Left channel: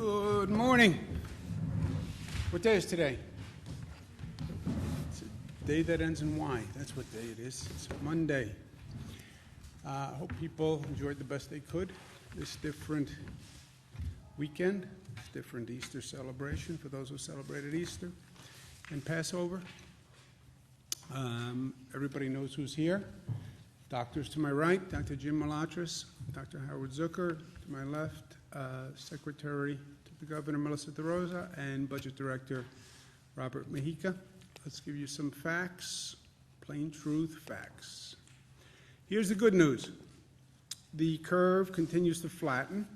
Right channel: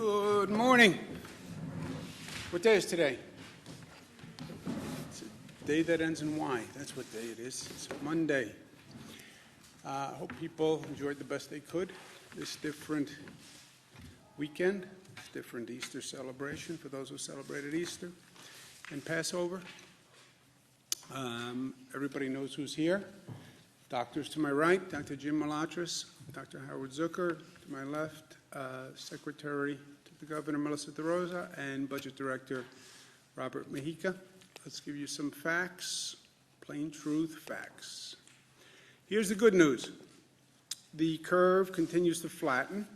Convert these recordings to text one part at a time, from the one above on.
Good morning. What day is today? It's a day that ends in Y. That's what day it is. It's Monday. I hope people enjoyed the best they could this different weekend, this different Easter celebration for those who celebrated Easter and Passover. Everybody knows who's here. Doctors to my right, Dr. Jim Malatras, Dr. Howard Zucker to my left, Secretary to the Governor Melissa DeRosa, and Budget Director Robert Mejica. Let's give you some facts, plain truth facts. Here's the good news. The curve continues to flatten.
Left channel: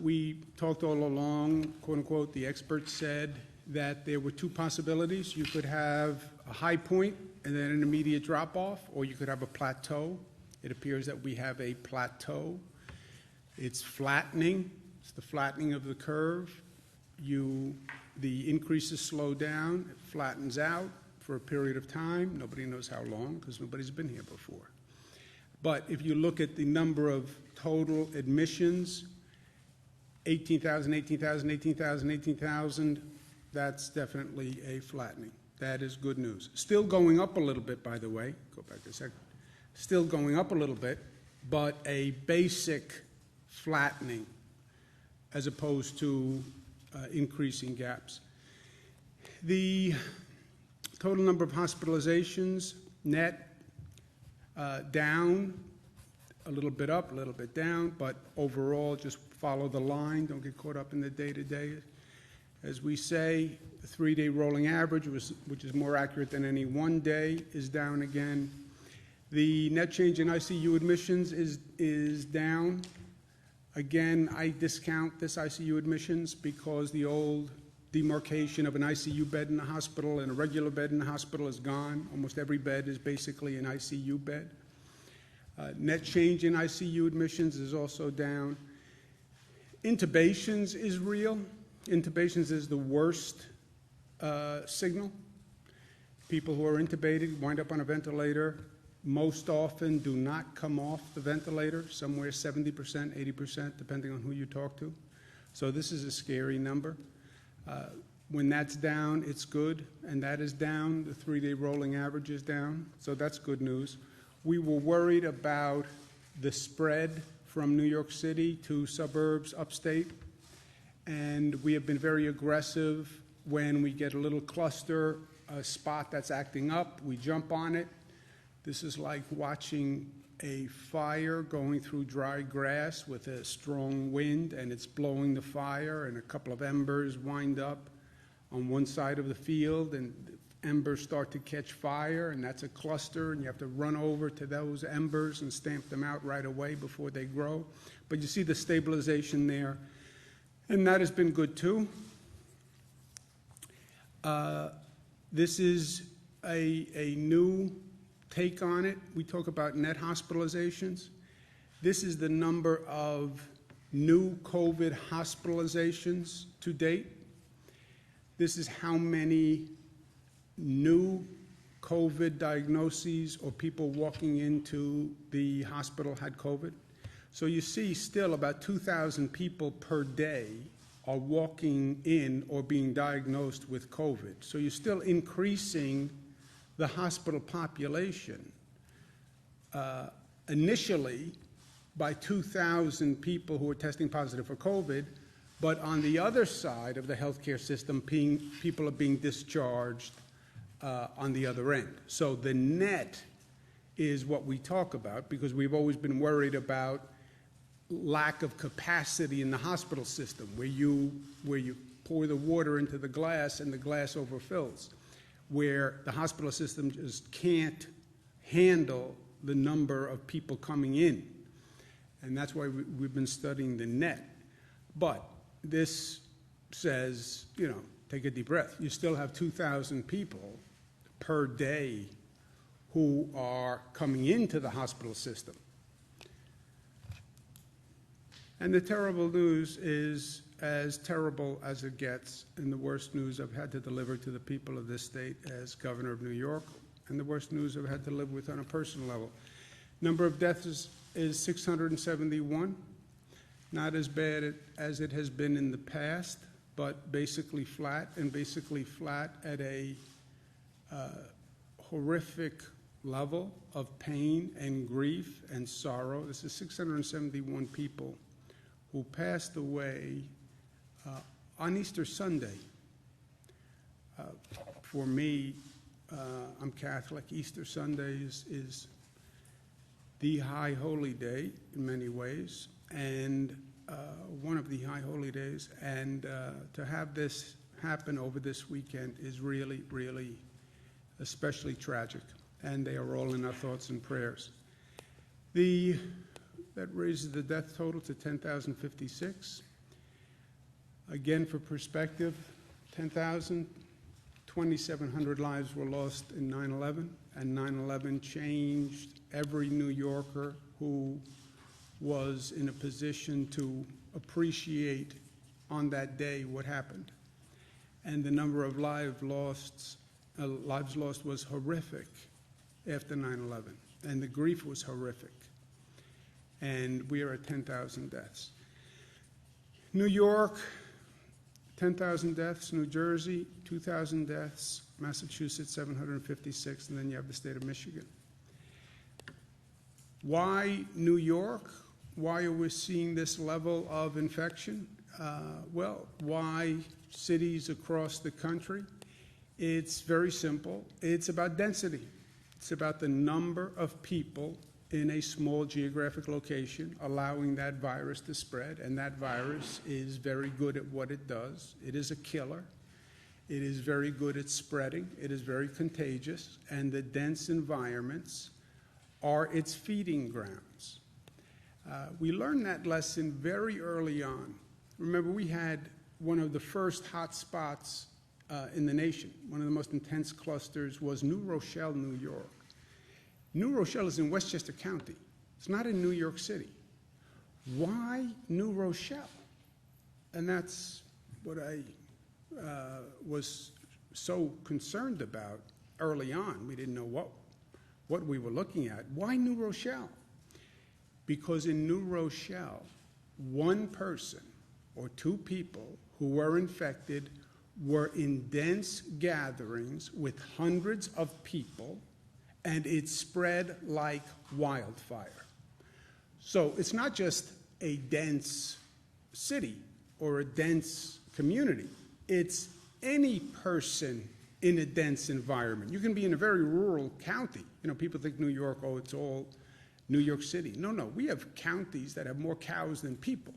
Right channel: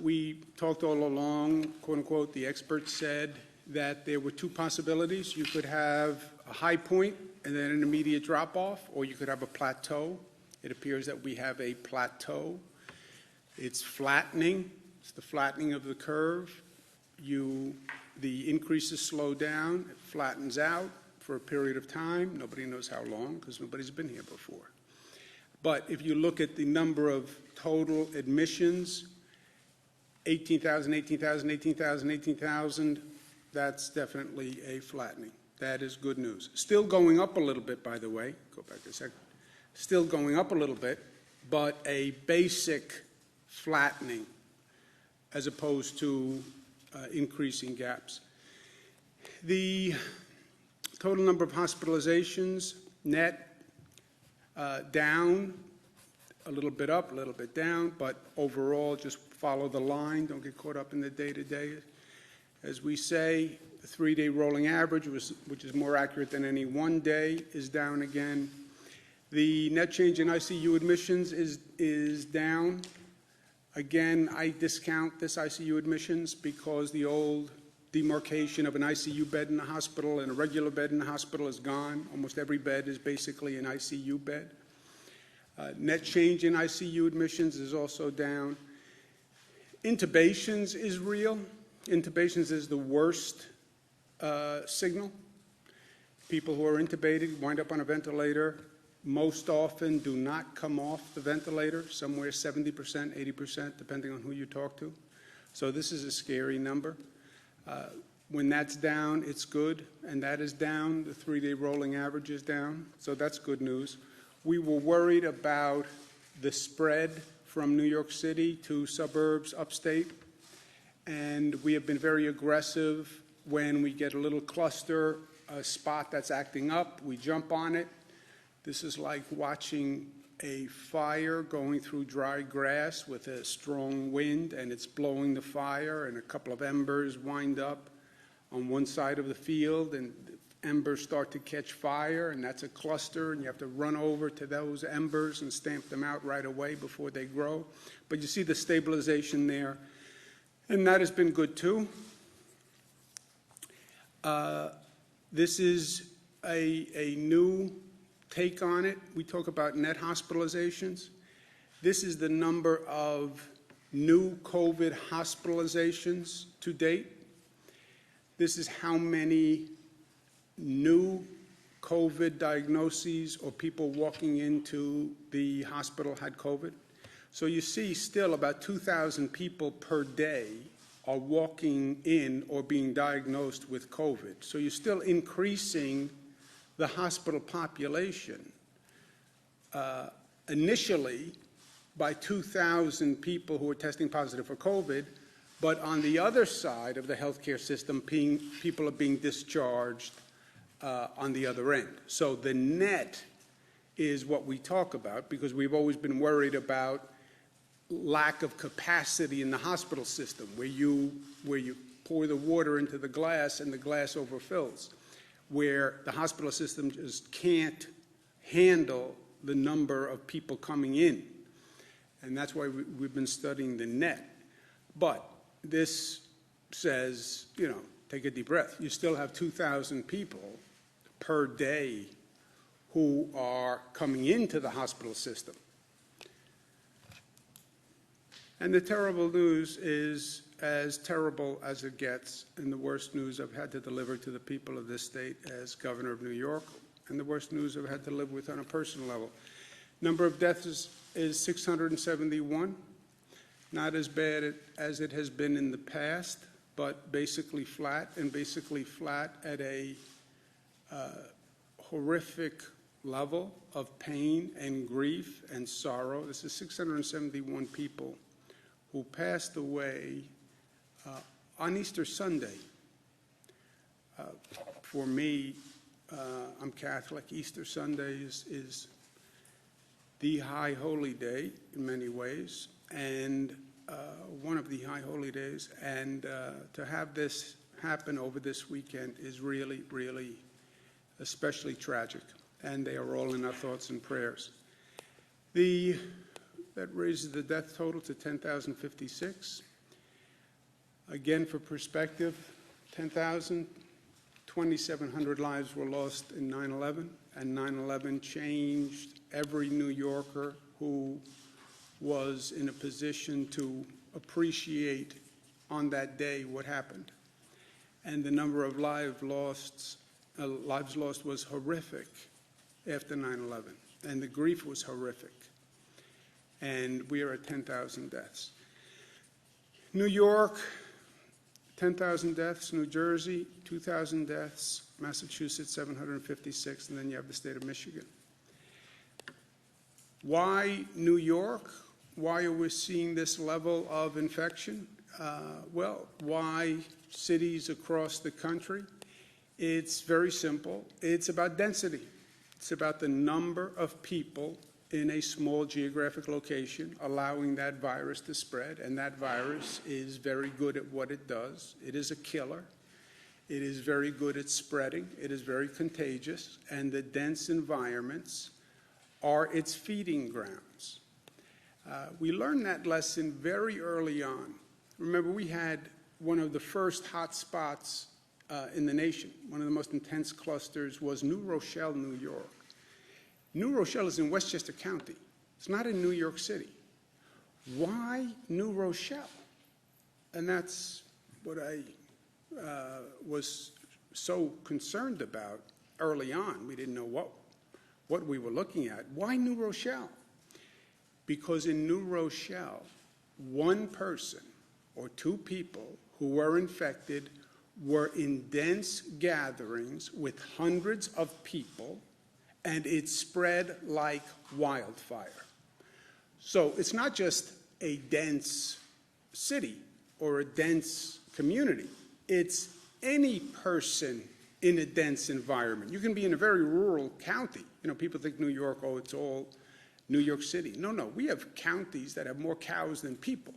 We talked all along, quote unquote, the experts said that there were two possibilities. You could have a high point and then an immediate drop off, or you could have a plateau. It appears that we have a plateau. It's flattening. It's the flattening of the curve. The increases slow down. It flattens out for a period of time. Nobody knows how long because nobody's been here before. But if you look at the number of total admissions, 18,000, 18,000, 18,000, 18,000, that's definitely a flattening. That is good news. Still going up a little bit, by the way. Go back a second. Still going up a little bit, but a basic flattening as opposed to increasing gaps. The total number of hospitalizations, net, down, a little bit up, a little bit down, but overall just follow the line. Don't get caught up in the day-to-day. As we say, the 3-day rolling average, which is more accurate than any one day, is down again. The net change in ICU admissions is down. Again, I discount this ICU admissions because the old demarcation of an ICU bed in the hospital and a regular bed in the hospital is gone. Almost every bed is basically an ICU bed. Net change in ICU admissions is also down. Intubations is real. Intubations is the worst signal. People who are intubated wind up on a ventilator most often do not come off the ventilator, somewhere 70%, 80%, depending on who you talk to. So this is a scary number. When that's down, it's good, and that is down. The 3-day rolling average is down, so that's good news. We were worried about the spread from New York City to suburbs upstate, and we have been very aggressive. When we get a little cluster, a spot that's acting up, we jump on it. This is like watching a fire going through dry grass with a strong wind, and it's blowing the fire, and a couple of embers wind up on one side of the field, and the embers start to catch fire, and that's a cluster, and you have to run over to those embers and stamp them out right away before they grow. But you see the stabilization there, and that has been good too. This is a new take on it. We talk about net hospitalizations. This is the number of new COVID hospitalizations to date. This is how many new COVID diagnoses or people walking into the hospital had COVID. So you see still about 2,000 people per day are walking in or being diagnosed with COVID. So you're still increasing the hospital population initially by 2,000 people who are testing positive for COVID, but on the other side of the healthcare system, people are being discharged on the other end. So the net is what we talk about because we've always been worried about lack of capacity in the hospital system where you pour the water into the glass and the glass overfills, where the hospital system just can't handle the number of people coming in. And that's why we've been studying the net. But this says, take a deep breath. You still have 2,000 people per day who are coming into the hospital system. And the terrible news is as terrible as it gets, and the worst news I've had to deliver to the people of this state as governor of New York, and the worst news I've had to live with on a personal level. Number of deaths is 671. Not as bad as it has been in the past, but basically flat, and basically flat at a horrific level of pain and grief and sorrow. This is 671 people who passed away on Easter Sunday. For me, I'm Catholic. Easter Sunday is the high holy day in many ways, and one of the high holy days. And to have this happen over this weekend is really, really especially tragic. And they are all in our thoughts and prayers. That raises the death total to 10,056. Again, for perspective, 2,700 lives were lost in 9/11, and 9/11 changed every New Yorker who was in a position to appreciate on that day what happened. And the number of lives lost was horrific after 9/11, and the grief was horrific. And we are at 10,000 deaths. New York, 10,000 deaths. New Jersey, 2,000 deaths. Massachusetts, 756, and then you have the state of Michigan. Why New York? Why are we seeing this level of infection? Well, why cities across the country? It's very simple. It's about density. It's about the number of people in a small geographic location allowing that virus to spread, and that virus is very good at what it does. It is a killer. It is very good at spreading. It is very contagious, and the dense environments are its feeding grounds. We learned that lesson very early on. Remember, we had one of the first hot spots in the nation. One of the most intense clusters was New Rochelle, New York. New Rochelle is in Westchester County. It's not in New York City. Why New Rochelle? And that's what I was so concerned about early on. We didn't know what we were looking at. Why New Rochelle? Because in New Rochelle, one person or two people who were infected were in dense gatherings with hundreds of people, and it spread like wildfire. So it's not just a dense city or a dense community. It's any person in a dense environment. You can be in a very rural county. You know, people think New York, oh, it's all New York City. No, we have counties that have more cows than people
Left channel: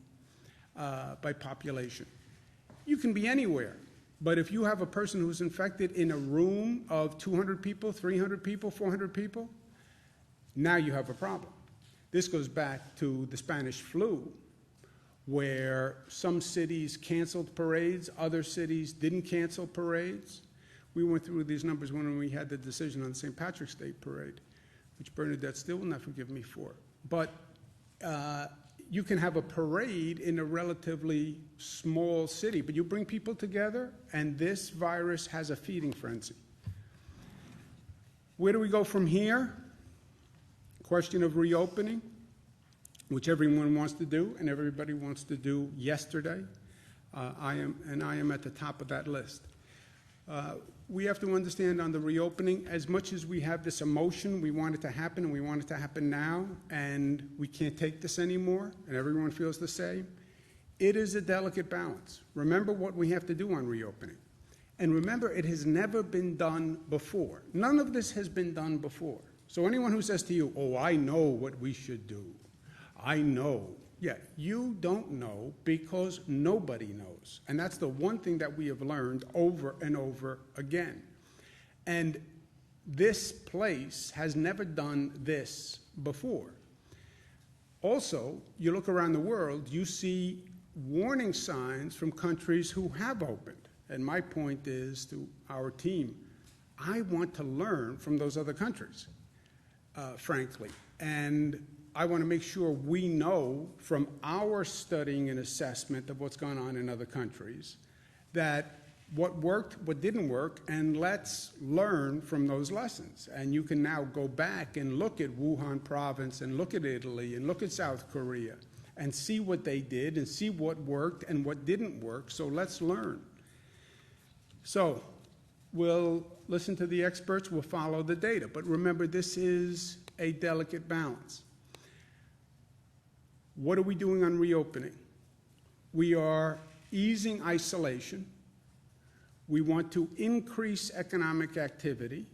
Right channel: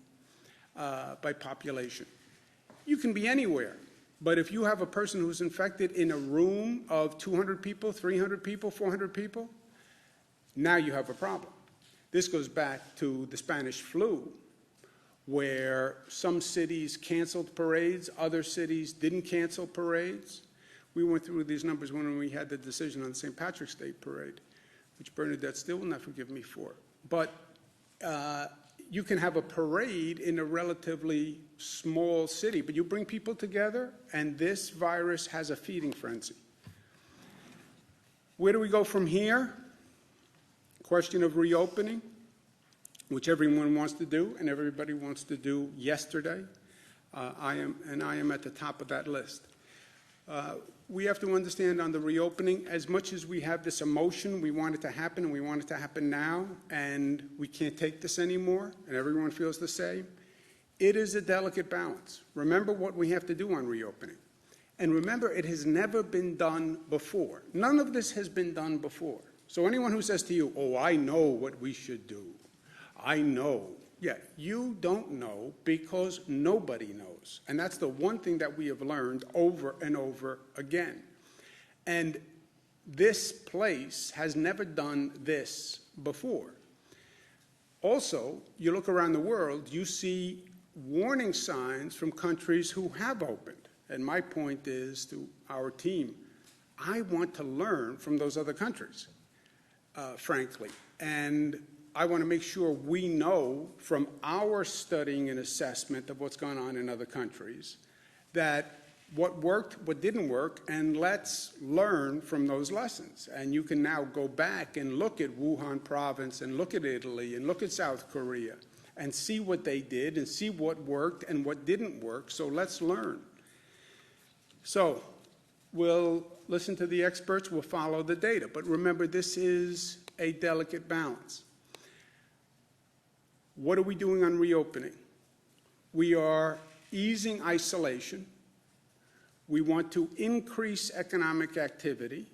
by population. You can be anywhere. But if you have a person who's infected in a room of 200 people, 300 people, 400 people, now you have a problem. This goes back to the Spanish flu, where some cities canceled parades, other cities didn't cancel parades. We went through these numbers when we had the decision on the St. Patrick's Day parade, which Bernadette still will not forgive me for. But you can have a parade in a relatively small city, but you bring people together, and this virus has a feeding frenzy. Where do we go from here? Question of reopening, which everyone wants to do, and everybody wants to do yesterday. I am at the top of that list. We have to understand on the reopening, as much as we have this emotion, we want it to happen, and we want it to happen now, and we can't take this anymore, and everyone feels the same. It is a delicate balance. Remember what we have to do on reopening. And remember, it has never been done before. None of this has been done before. So anyone who says to you, oh, I know what we should do, I know. Yeah, you don't know because nobody knows. And that's the one thing that we have learned over and over again. And this place has never done this before. Also, you look around the world, you see warning signs from countries who have opened. And my point is to our team, I want to learn from those other countries, frankly. And I want to make sure we know from our studying and assessment of what's gone on in other countries that what worked, what didn't work, and let's learn from those lessons. And you can now go back and look at Wuhan province and look at Italy and look at South Korea and see what they did and see what worked and what didn't work. So let's learn. So we'll listen to the experts, we'll follow the data. But remember, this is a delicate balance. What are we doing on reopening? We are easing isolation. We want to increase economic activity.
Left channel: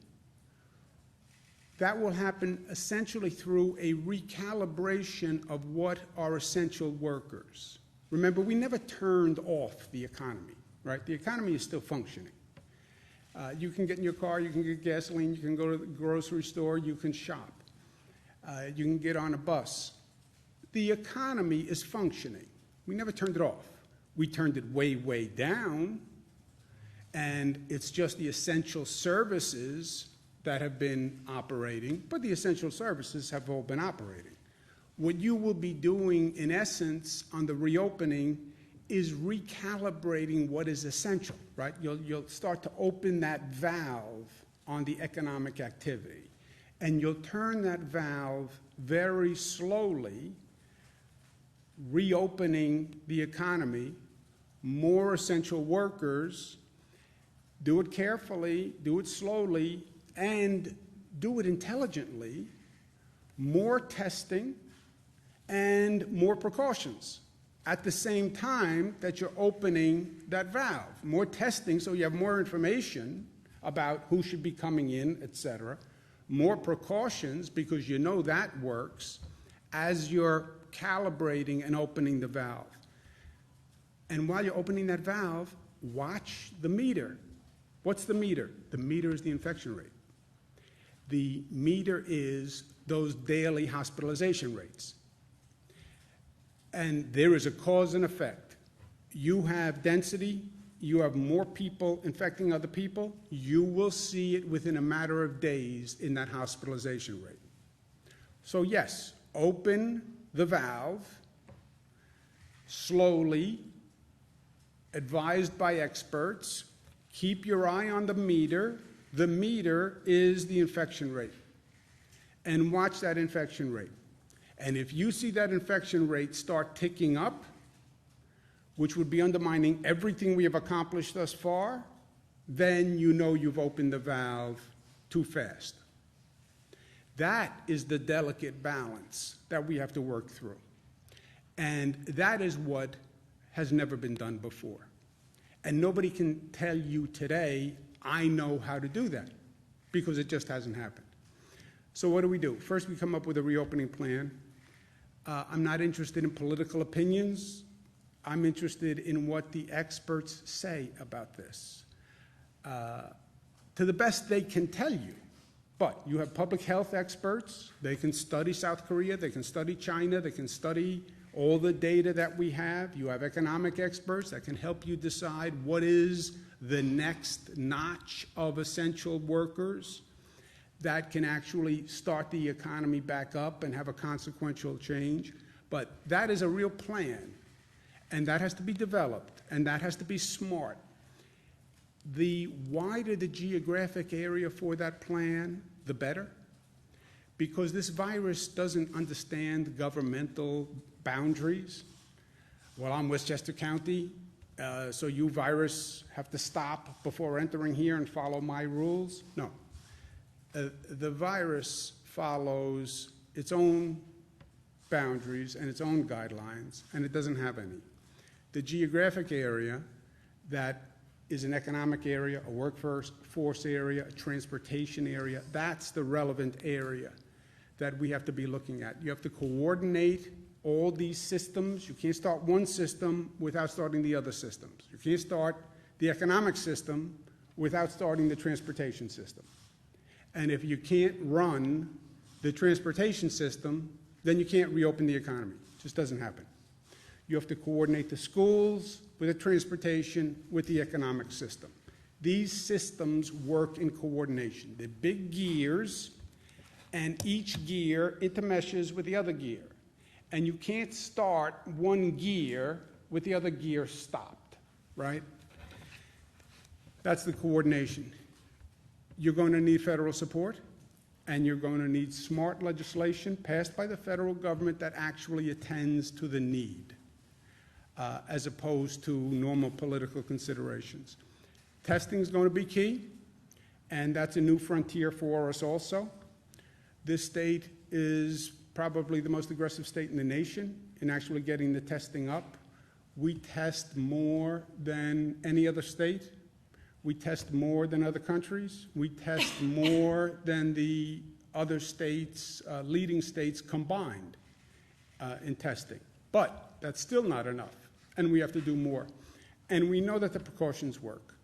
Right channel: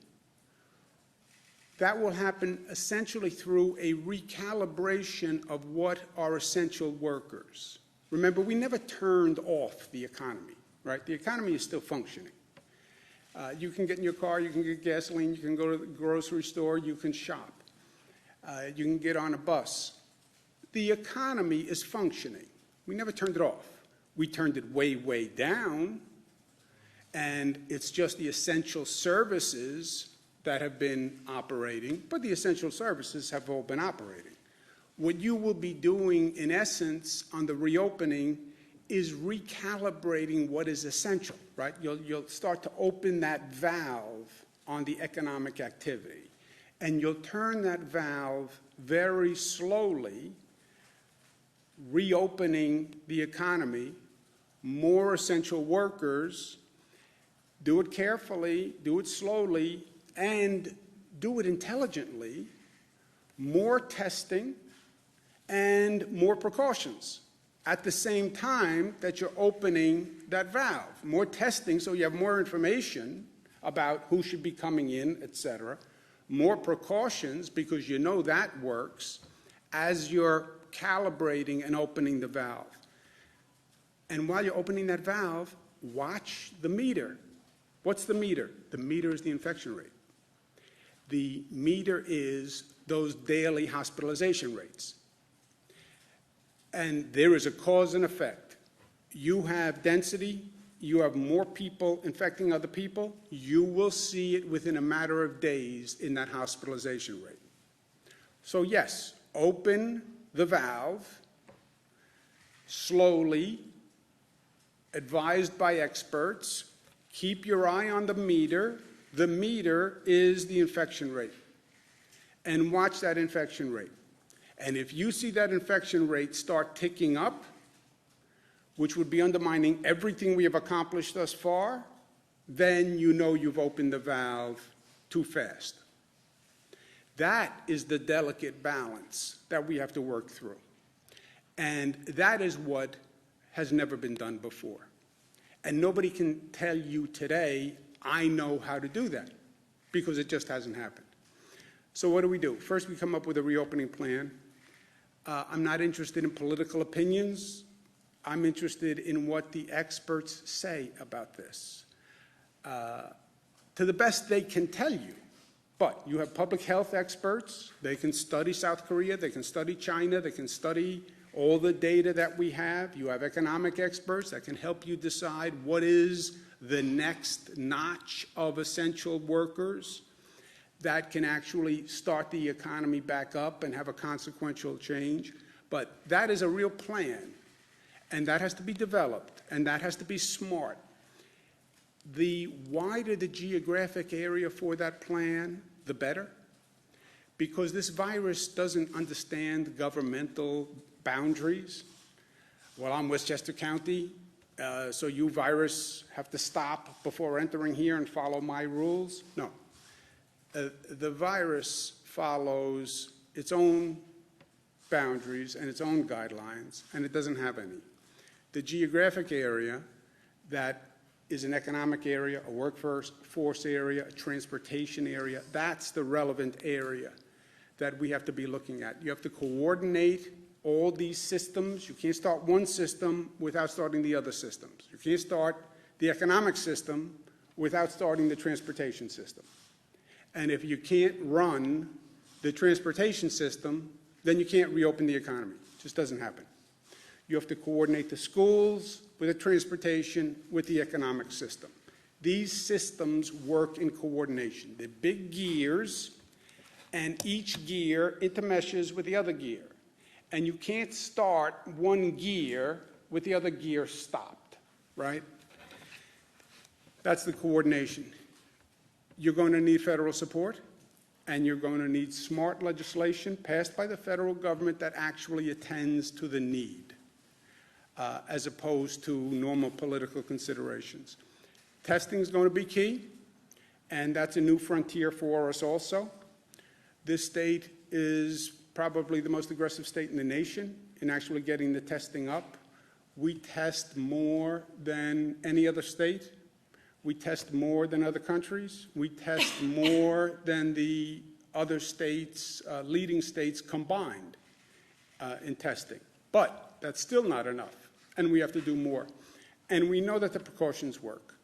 That will happen essentially through a recalibration of what are essential workers. Remember, we never turned off the economy, right? The economy is still functioning. You can get in your car, you can get gasoline, you can go to the grocery store, you can shop. You can get on a bus. The economy is functioning. We never turned it off. We turned it way, way down, and it's just the essential services that have been operating, but the essential services have all been operating. What you will be doing, in essence, on the reopening is recalibrating what is essential, right? You'll start to open that valve on the economic activity, and you'll turn that valve very slowly, reopening the economy, more essential workers. Do it carefully, do it slowly, and do it intelligently, more testing and more precautions at the same time that you're opening that valve. More testing so you have more information about who should be coming in, etc. More precautions because you know that works as you're calibrating and opening the valve. And while you're opening that valve, watch the meter. What's the meter? The meter is the infection rate. The meter is those daily hospitalization rates. And there is a cause and effect. You have density, you have more people infecting other people, you will see it within a matter of days in that hospitalization rate. So yes, open the valve slowly, advised by experts. Keep your eye on the meter. The meter is the infection rate. And watch that infection rate. And if you see that infection rate start ticking up, which would be undermining everything we have accomplished thus far, then you know you've opened the valve too fast. That is the delicate balance that we have to work through. And that is what has never been done before. And nobody can tell you today, I know how to do that, because it just hasn't happened. So what do? First, we come up with a reopening plan. I'm not interested in political opinions. I'm interested in what the experts say about this. To the best they can tell you. But you have public health experts. They can study South Korea. They can study China. They can study all the data that we have. You have economic experts that can help you decide what is the next notch of essential workers that can actually start the economy back up and have a consequential change. But that is a real plan, and that has to be developed, and that has to be smart. The wider the geographic area for that plan, the better, because this virus doesn't understand governmental boundaries. Well, I'm Westchester County, so you virus have to stop before entering here and follow my rules. No. The virus follows its own boundaries and its own guidelines, and it doesn't have any. The geographic area that is an economic area, a workforce area, a transportation area, that's the relevant area that we have to be looking at. You have to coordinate all these systems. You can't start one system without starting the other systems. You can't start the economic system without starting the transportation system. And if you can't run the transportation system, then you can't reopen the economy. It just doesn't happen. You have to coordinate the schools with the transportation, with the economic system. These systems work in coordination. They're big gears, and each gear intermeshes with the other gear. And you can't start one gear with the other gear stopped, right? That's the coordination. You're going to need federal support. And you're going to need smart legislation passed by the federal government that actually attends to the need, as opposed to normal political considerations. Testing is going to be key, and that's a new frontier for us also. This state is probably the most aggressive state in the nation in actually getting the testing up. We test more than any other state. We test more than other countries. We test more than the other states, leading states combined in testing. But that's still not enough, and we have to do more. And we know that the precautions work.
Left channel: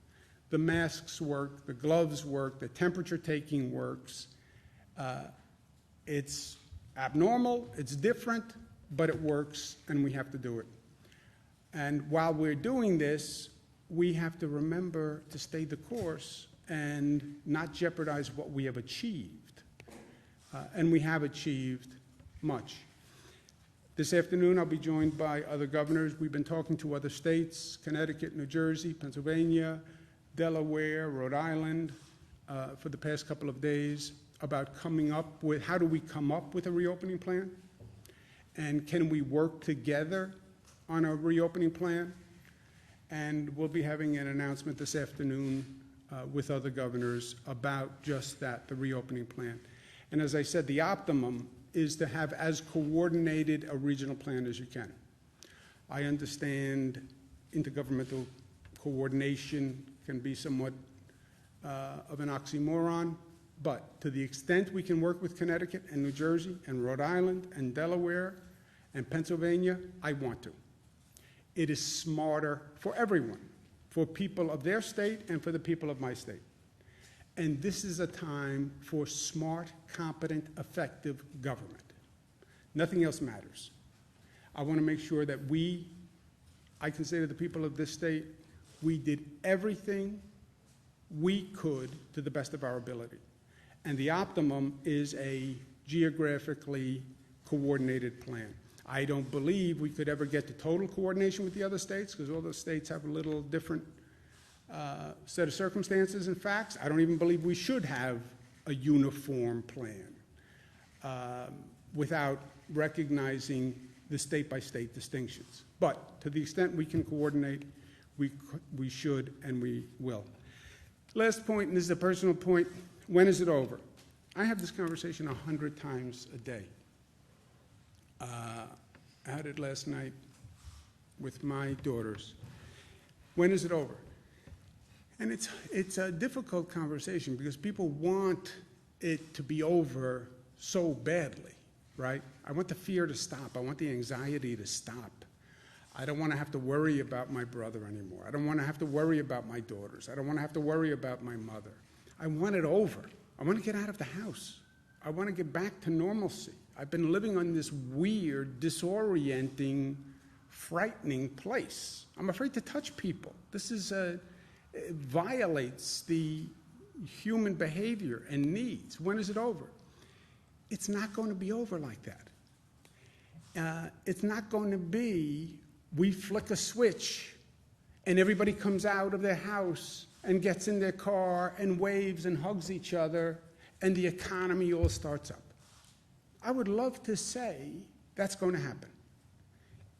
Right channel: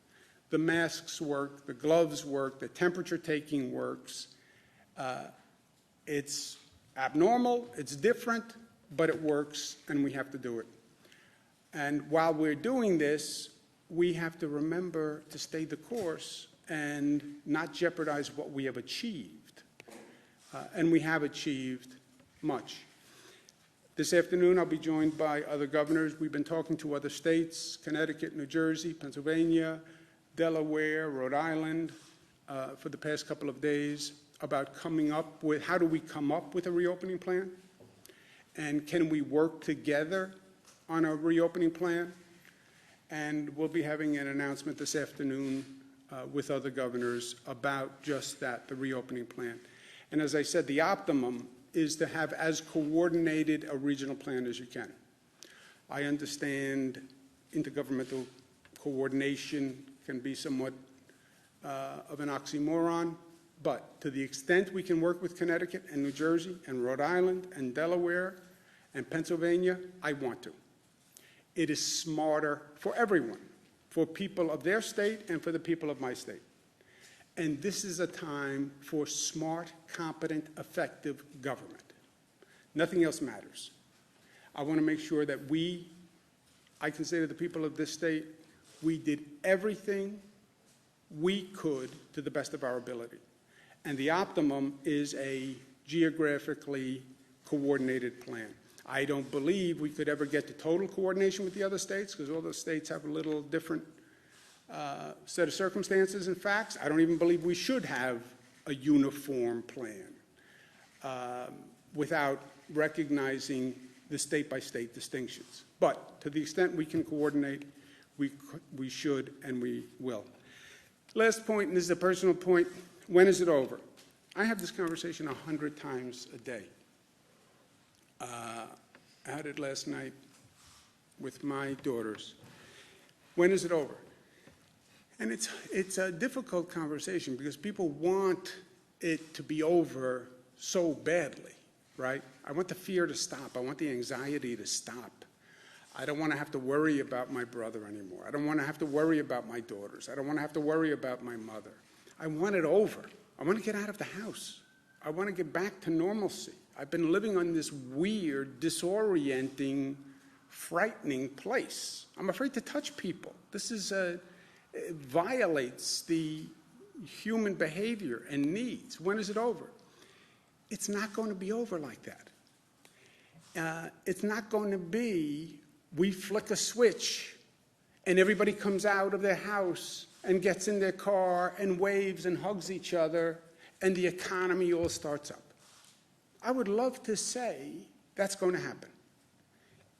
The masks work, the gloves work, the temperature taking works. It's abnormal, it's different, but it works, and we have to do it. And while we're doing this, we have to remember to stay the course and not jeopardize what we have achieved. And we have achieved much. This afternoon, I'll be joined by other governors. We've been talking to other states, Connecticut, New Jersey, Pennsylvania, Delaware, Rhode Island, for the past couple of days about coming up with, how do we come up with a reopening plan? And can we work together on a reopening plan? And we'll be having an announcement this afternoon with other governors about just that, the reopening plan. And as I said, the optimum is to have as coordinated a regional plan as you can. I understand intergovernmental coordination can be somewhat of an oxymoron, but to the extent we can work with Connecticut and New Jersey and Rhode Island and Delaware and Pennsylvania, I want to. It is smarter for everyone, for people of their state and for the people of my state. And this is a time for smart, competent, effective government. Nothing else matters. I want to make sure that I can say to the people of this state, we did everything we could to the best of our ability. And the optimum is a geographically coordinated plan. I don't believe we could ever get to total coordination with the other states, because all the states have a little different set of circumstances and facts. I don't even believe we should have a uniform plan without recognizing the state-by-state distinctions. But to the extent we can coordinate, we should and we will. Last point, and this is a personal point, when is it over? I have this conversation 100 times a day. I had it last night with my daughters. When is it over? And it's a difficult conversation because people want it to be over so badly, right? I want the fear to stop. I want the anxiety to stop. I don't want to have to worry about my brother anymore. I don't want to have to worry about my daughters. I don't want to have to worry about my mother. I want it over. I want to get out of the house. I want to get back to normalcy. I've been living on this weird, disorienting, frightening place. I'm afraid to touch people. This is it violates the human behavior and needs. When is it over? It's not going to be over like that. It's not going to be we flick a switch and everybody comes out of their house and gets in their car and waves and hugs each other and the economy all starts up. I would love to say that's going to happen.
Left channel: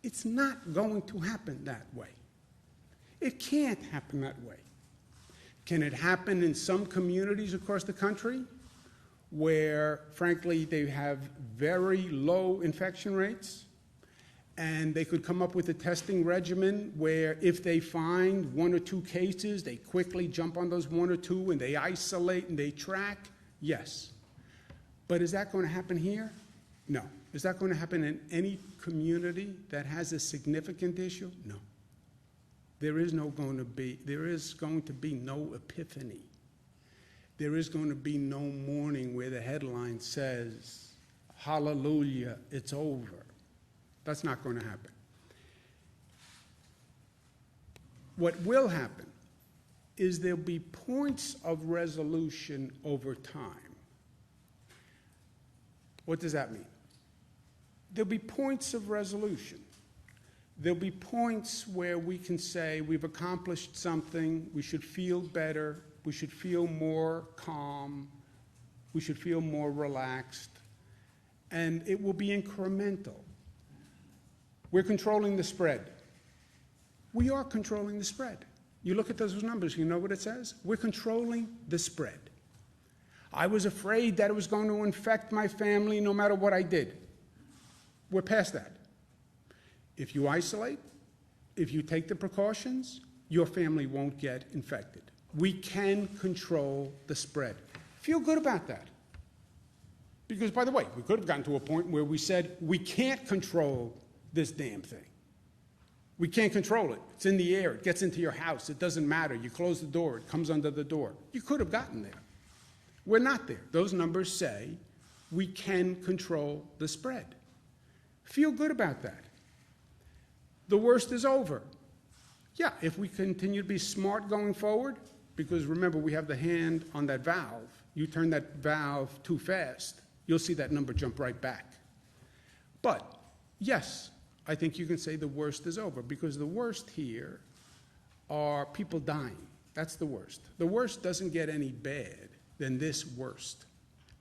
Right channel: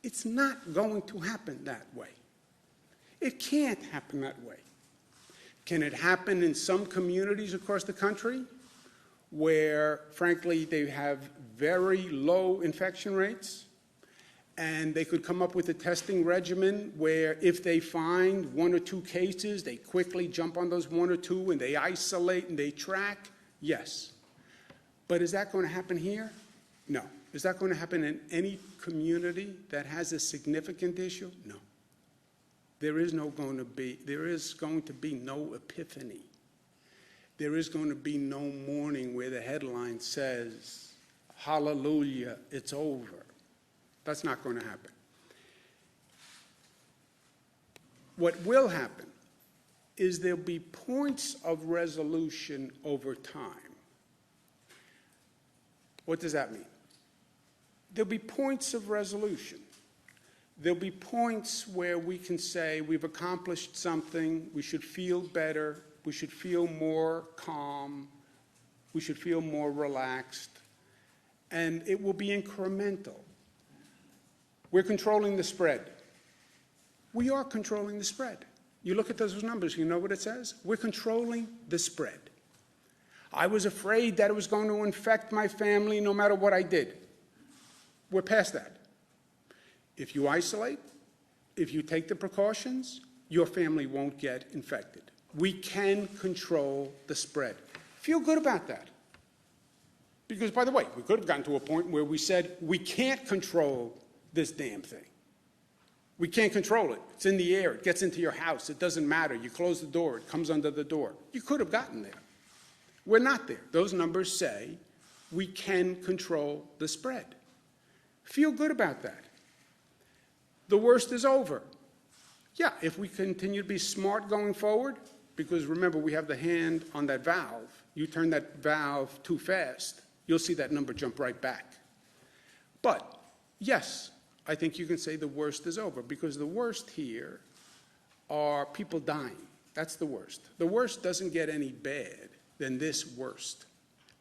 It's not going to happen that way. It can't happen that way. Can it happen in some communities across the country where, frankly, they have very low infection rates, and they could come up with a testing regimen where if they find 1 or 2 cases, they quickly jump on those 1 or 2 and they isolate and they track? Yes. But is that going to happen here? No. Is that going to happen in any community that has a significant issue? No. There is going to be no epiphany. There is going to be no morning where the headline says, hallelujah, it's over. That's not going to happen. What will happen is there'll be points of resolution over time. What does that mean? There'll be points of resolution. There'll be points where we can say we've accomplished something, we should feel better, we should feel more calm, We should feel more relaxed. And it will be incremental. We're controlling the spread. We are controlling the spread. You look at those numbers, you know what it says? We're controlling the spread. I was afraid that it was going to infect my family no matter what I did. We're past that. If you isolate, if you take the precautions, your family won't get infected. We can control the spread. Feel good about that. Because, by the way, we could have gotten to a point where we said, we can't control this damn thing. We can't control it. It's in the air. It gets into your house. It doesn't matter. You close the door. It comes under the door. You could have gotten there. We're not there. Those numbers say we can control the spread. Feel good about that. The worst is over. Yeah, if we continue to be smart going forward, because remember, we have the hand on that valve. You turn that valve too fast, you'll see that number jump right back. But, yes, I think you can say the worst is over, because the worst here are people dying. That's the worst. The worst doesn't get any bad than this worst.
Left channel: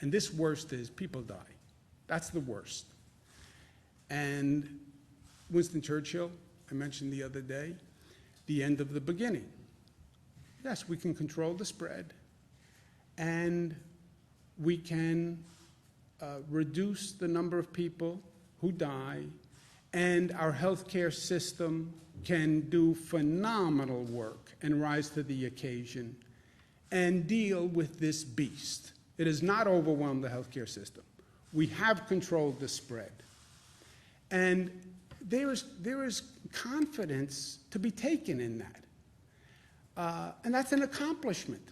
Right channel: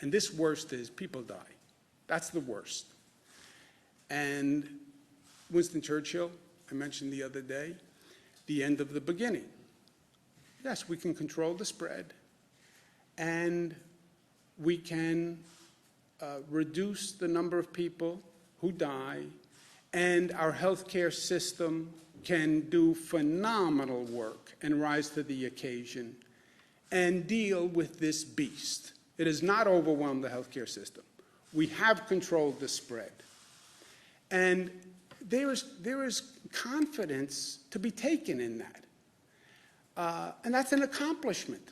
And this worst is people die. That's the worst. And Winston Churchill, I mentioned the other day, the end of the beginning. Yes, we can control the spread, and we can reduce the number of people who die, and our healthcare system can do phenomenal work and rise to the occasion and deal with this beast. It has not overwhelmed the healthcare system. We have controlled the spread. And there is confidence to be taken in that. And that's an accomplishment.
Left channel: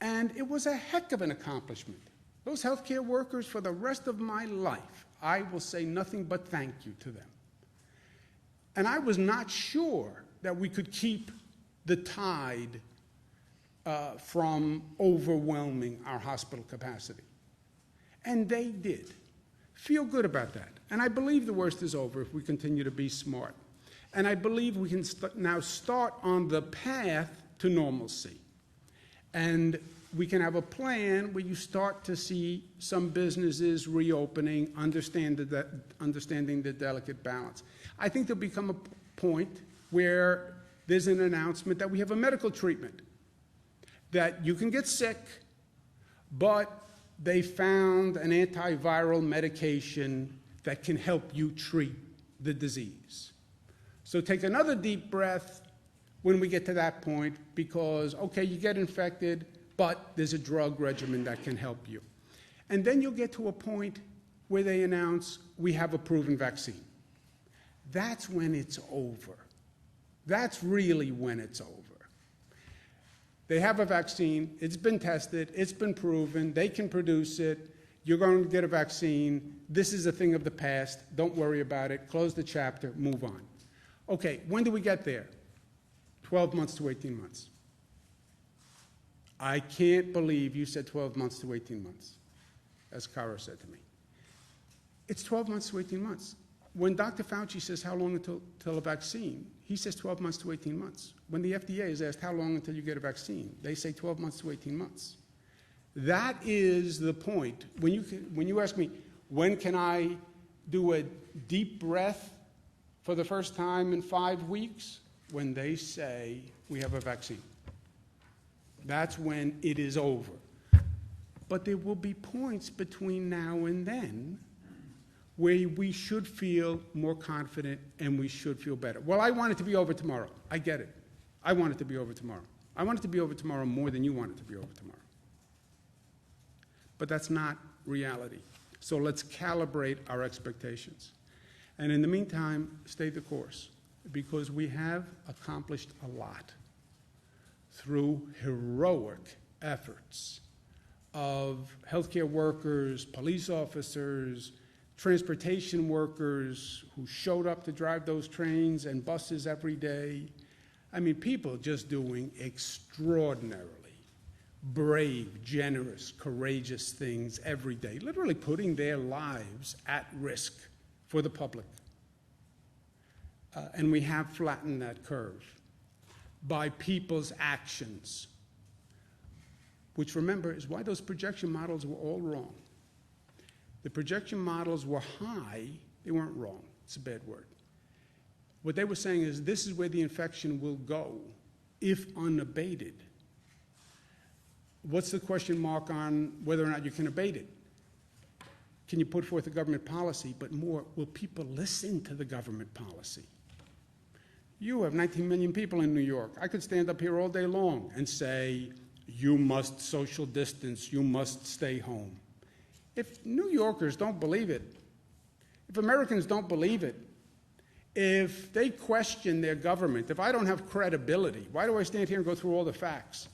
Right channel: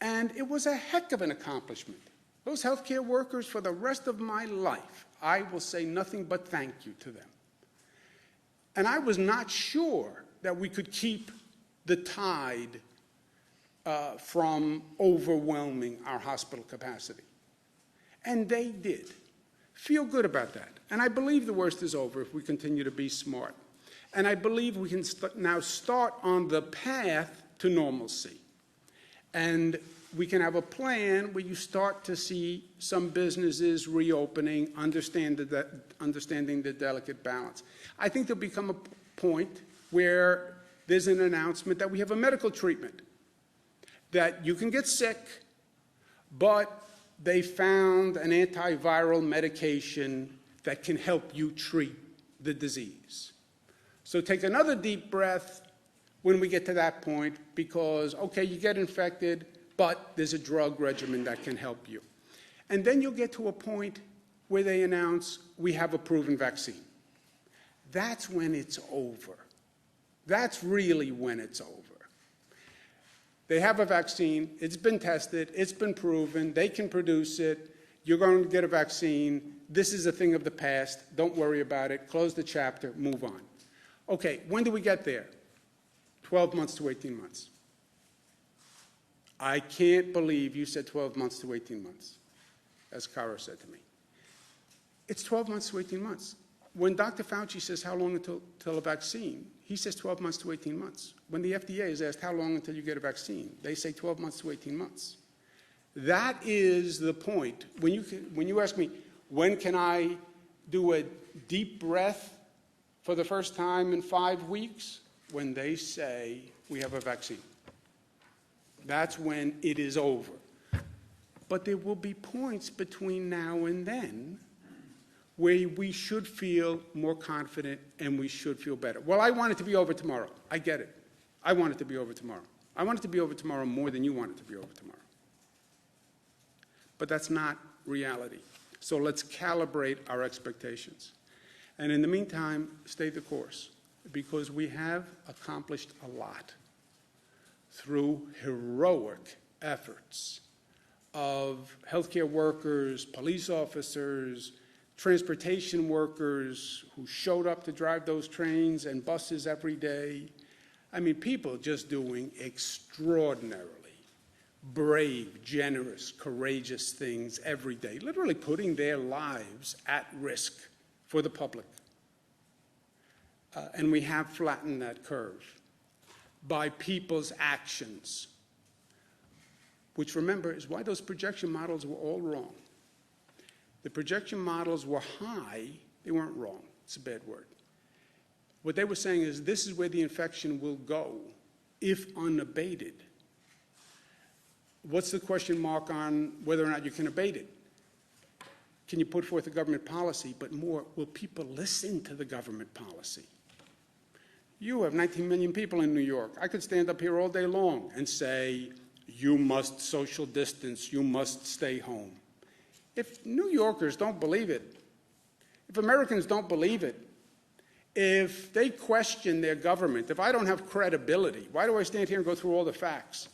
And it was a heck of an accomplishment. Those healthcare workers, for the rest of my life, I will say nothing but thank you to them. And I was not sure that we could keep the tide from overwhelming our hospital capacity. And they did. Feel good about that. And I believe the worst is over if we continue to be smart. And I believe we can now start on the path to normalcy. And we can have a plan where you start to see some businesses reopening, understanding the delicate balance. I think there'll become a point where there's an announcement that we have a medical treatment, that you can get sick, but they found an antiviral medication that can help you treat the disease. So take another deep breath when we get to that point, because, okay, you get infected, but there's a drug regimen that can help you. And then you'll get to a point where they announce, we have a proven vaccine. That's when it's over. That's really when it's over. They have a vaccine, it's been tested, it's been proven, they can produce it, you're going to get a vaccine, this is a thing of the past, don't worry about it, close the chapter, move on. Okay, when do we get there? 12 months to 18 months. I can't believe you said 12 months to 18 months, as Cara said to me. It's 12 months to 18 months. When Dr. Fauci says how long until a vaccine, he says 12 months to 18 months. When the FDA is asked how long until you get a vaccine, they say 12 months to 18 months. That is the point. When you ask me, when can I do a deep breath for the first time in 5 weeks? When they say we have a vaccine. That's when it is over. But there will be points between now and then where we should feel more confident and we should feel better. Well, I want it to be over tomorrow. I get it. I want it to be over tomorrow. I want it to be over tomorrow more than you want it to be over tomorrow. But that's not reality. So let's calibrate our expectations. And in the meantime, stay the course, because we have accomplished a lot through heroic efforts of healthcare workers, police officers, transportation workers who showed up to drive those trains and buses every day. I mean, people just doing extraordinarily brave, generous, courageous things every day, literally putting their lives at risk for the public. And we have flattened that curve by people's actions. which, remember, is why those projection models were all wrong. The projection models were high. They weren't wrong. It's a bad word. What they were saying is this is where the infection will go if unabated. What's the question mark on whether or not you can abate it? Can you put forth a government policy? But more, will people listen to the government policy? You have 19 million people in New York. I could stand up here all day long and say, you must social distance, you must stay home. If New Yorkers don't believe it, if Americans don't believe it, if they question their government, if I don't have credibility, why do I stand here and go through all the facts?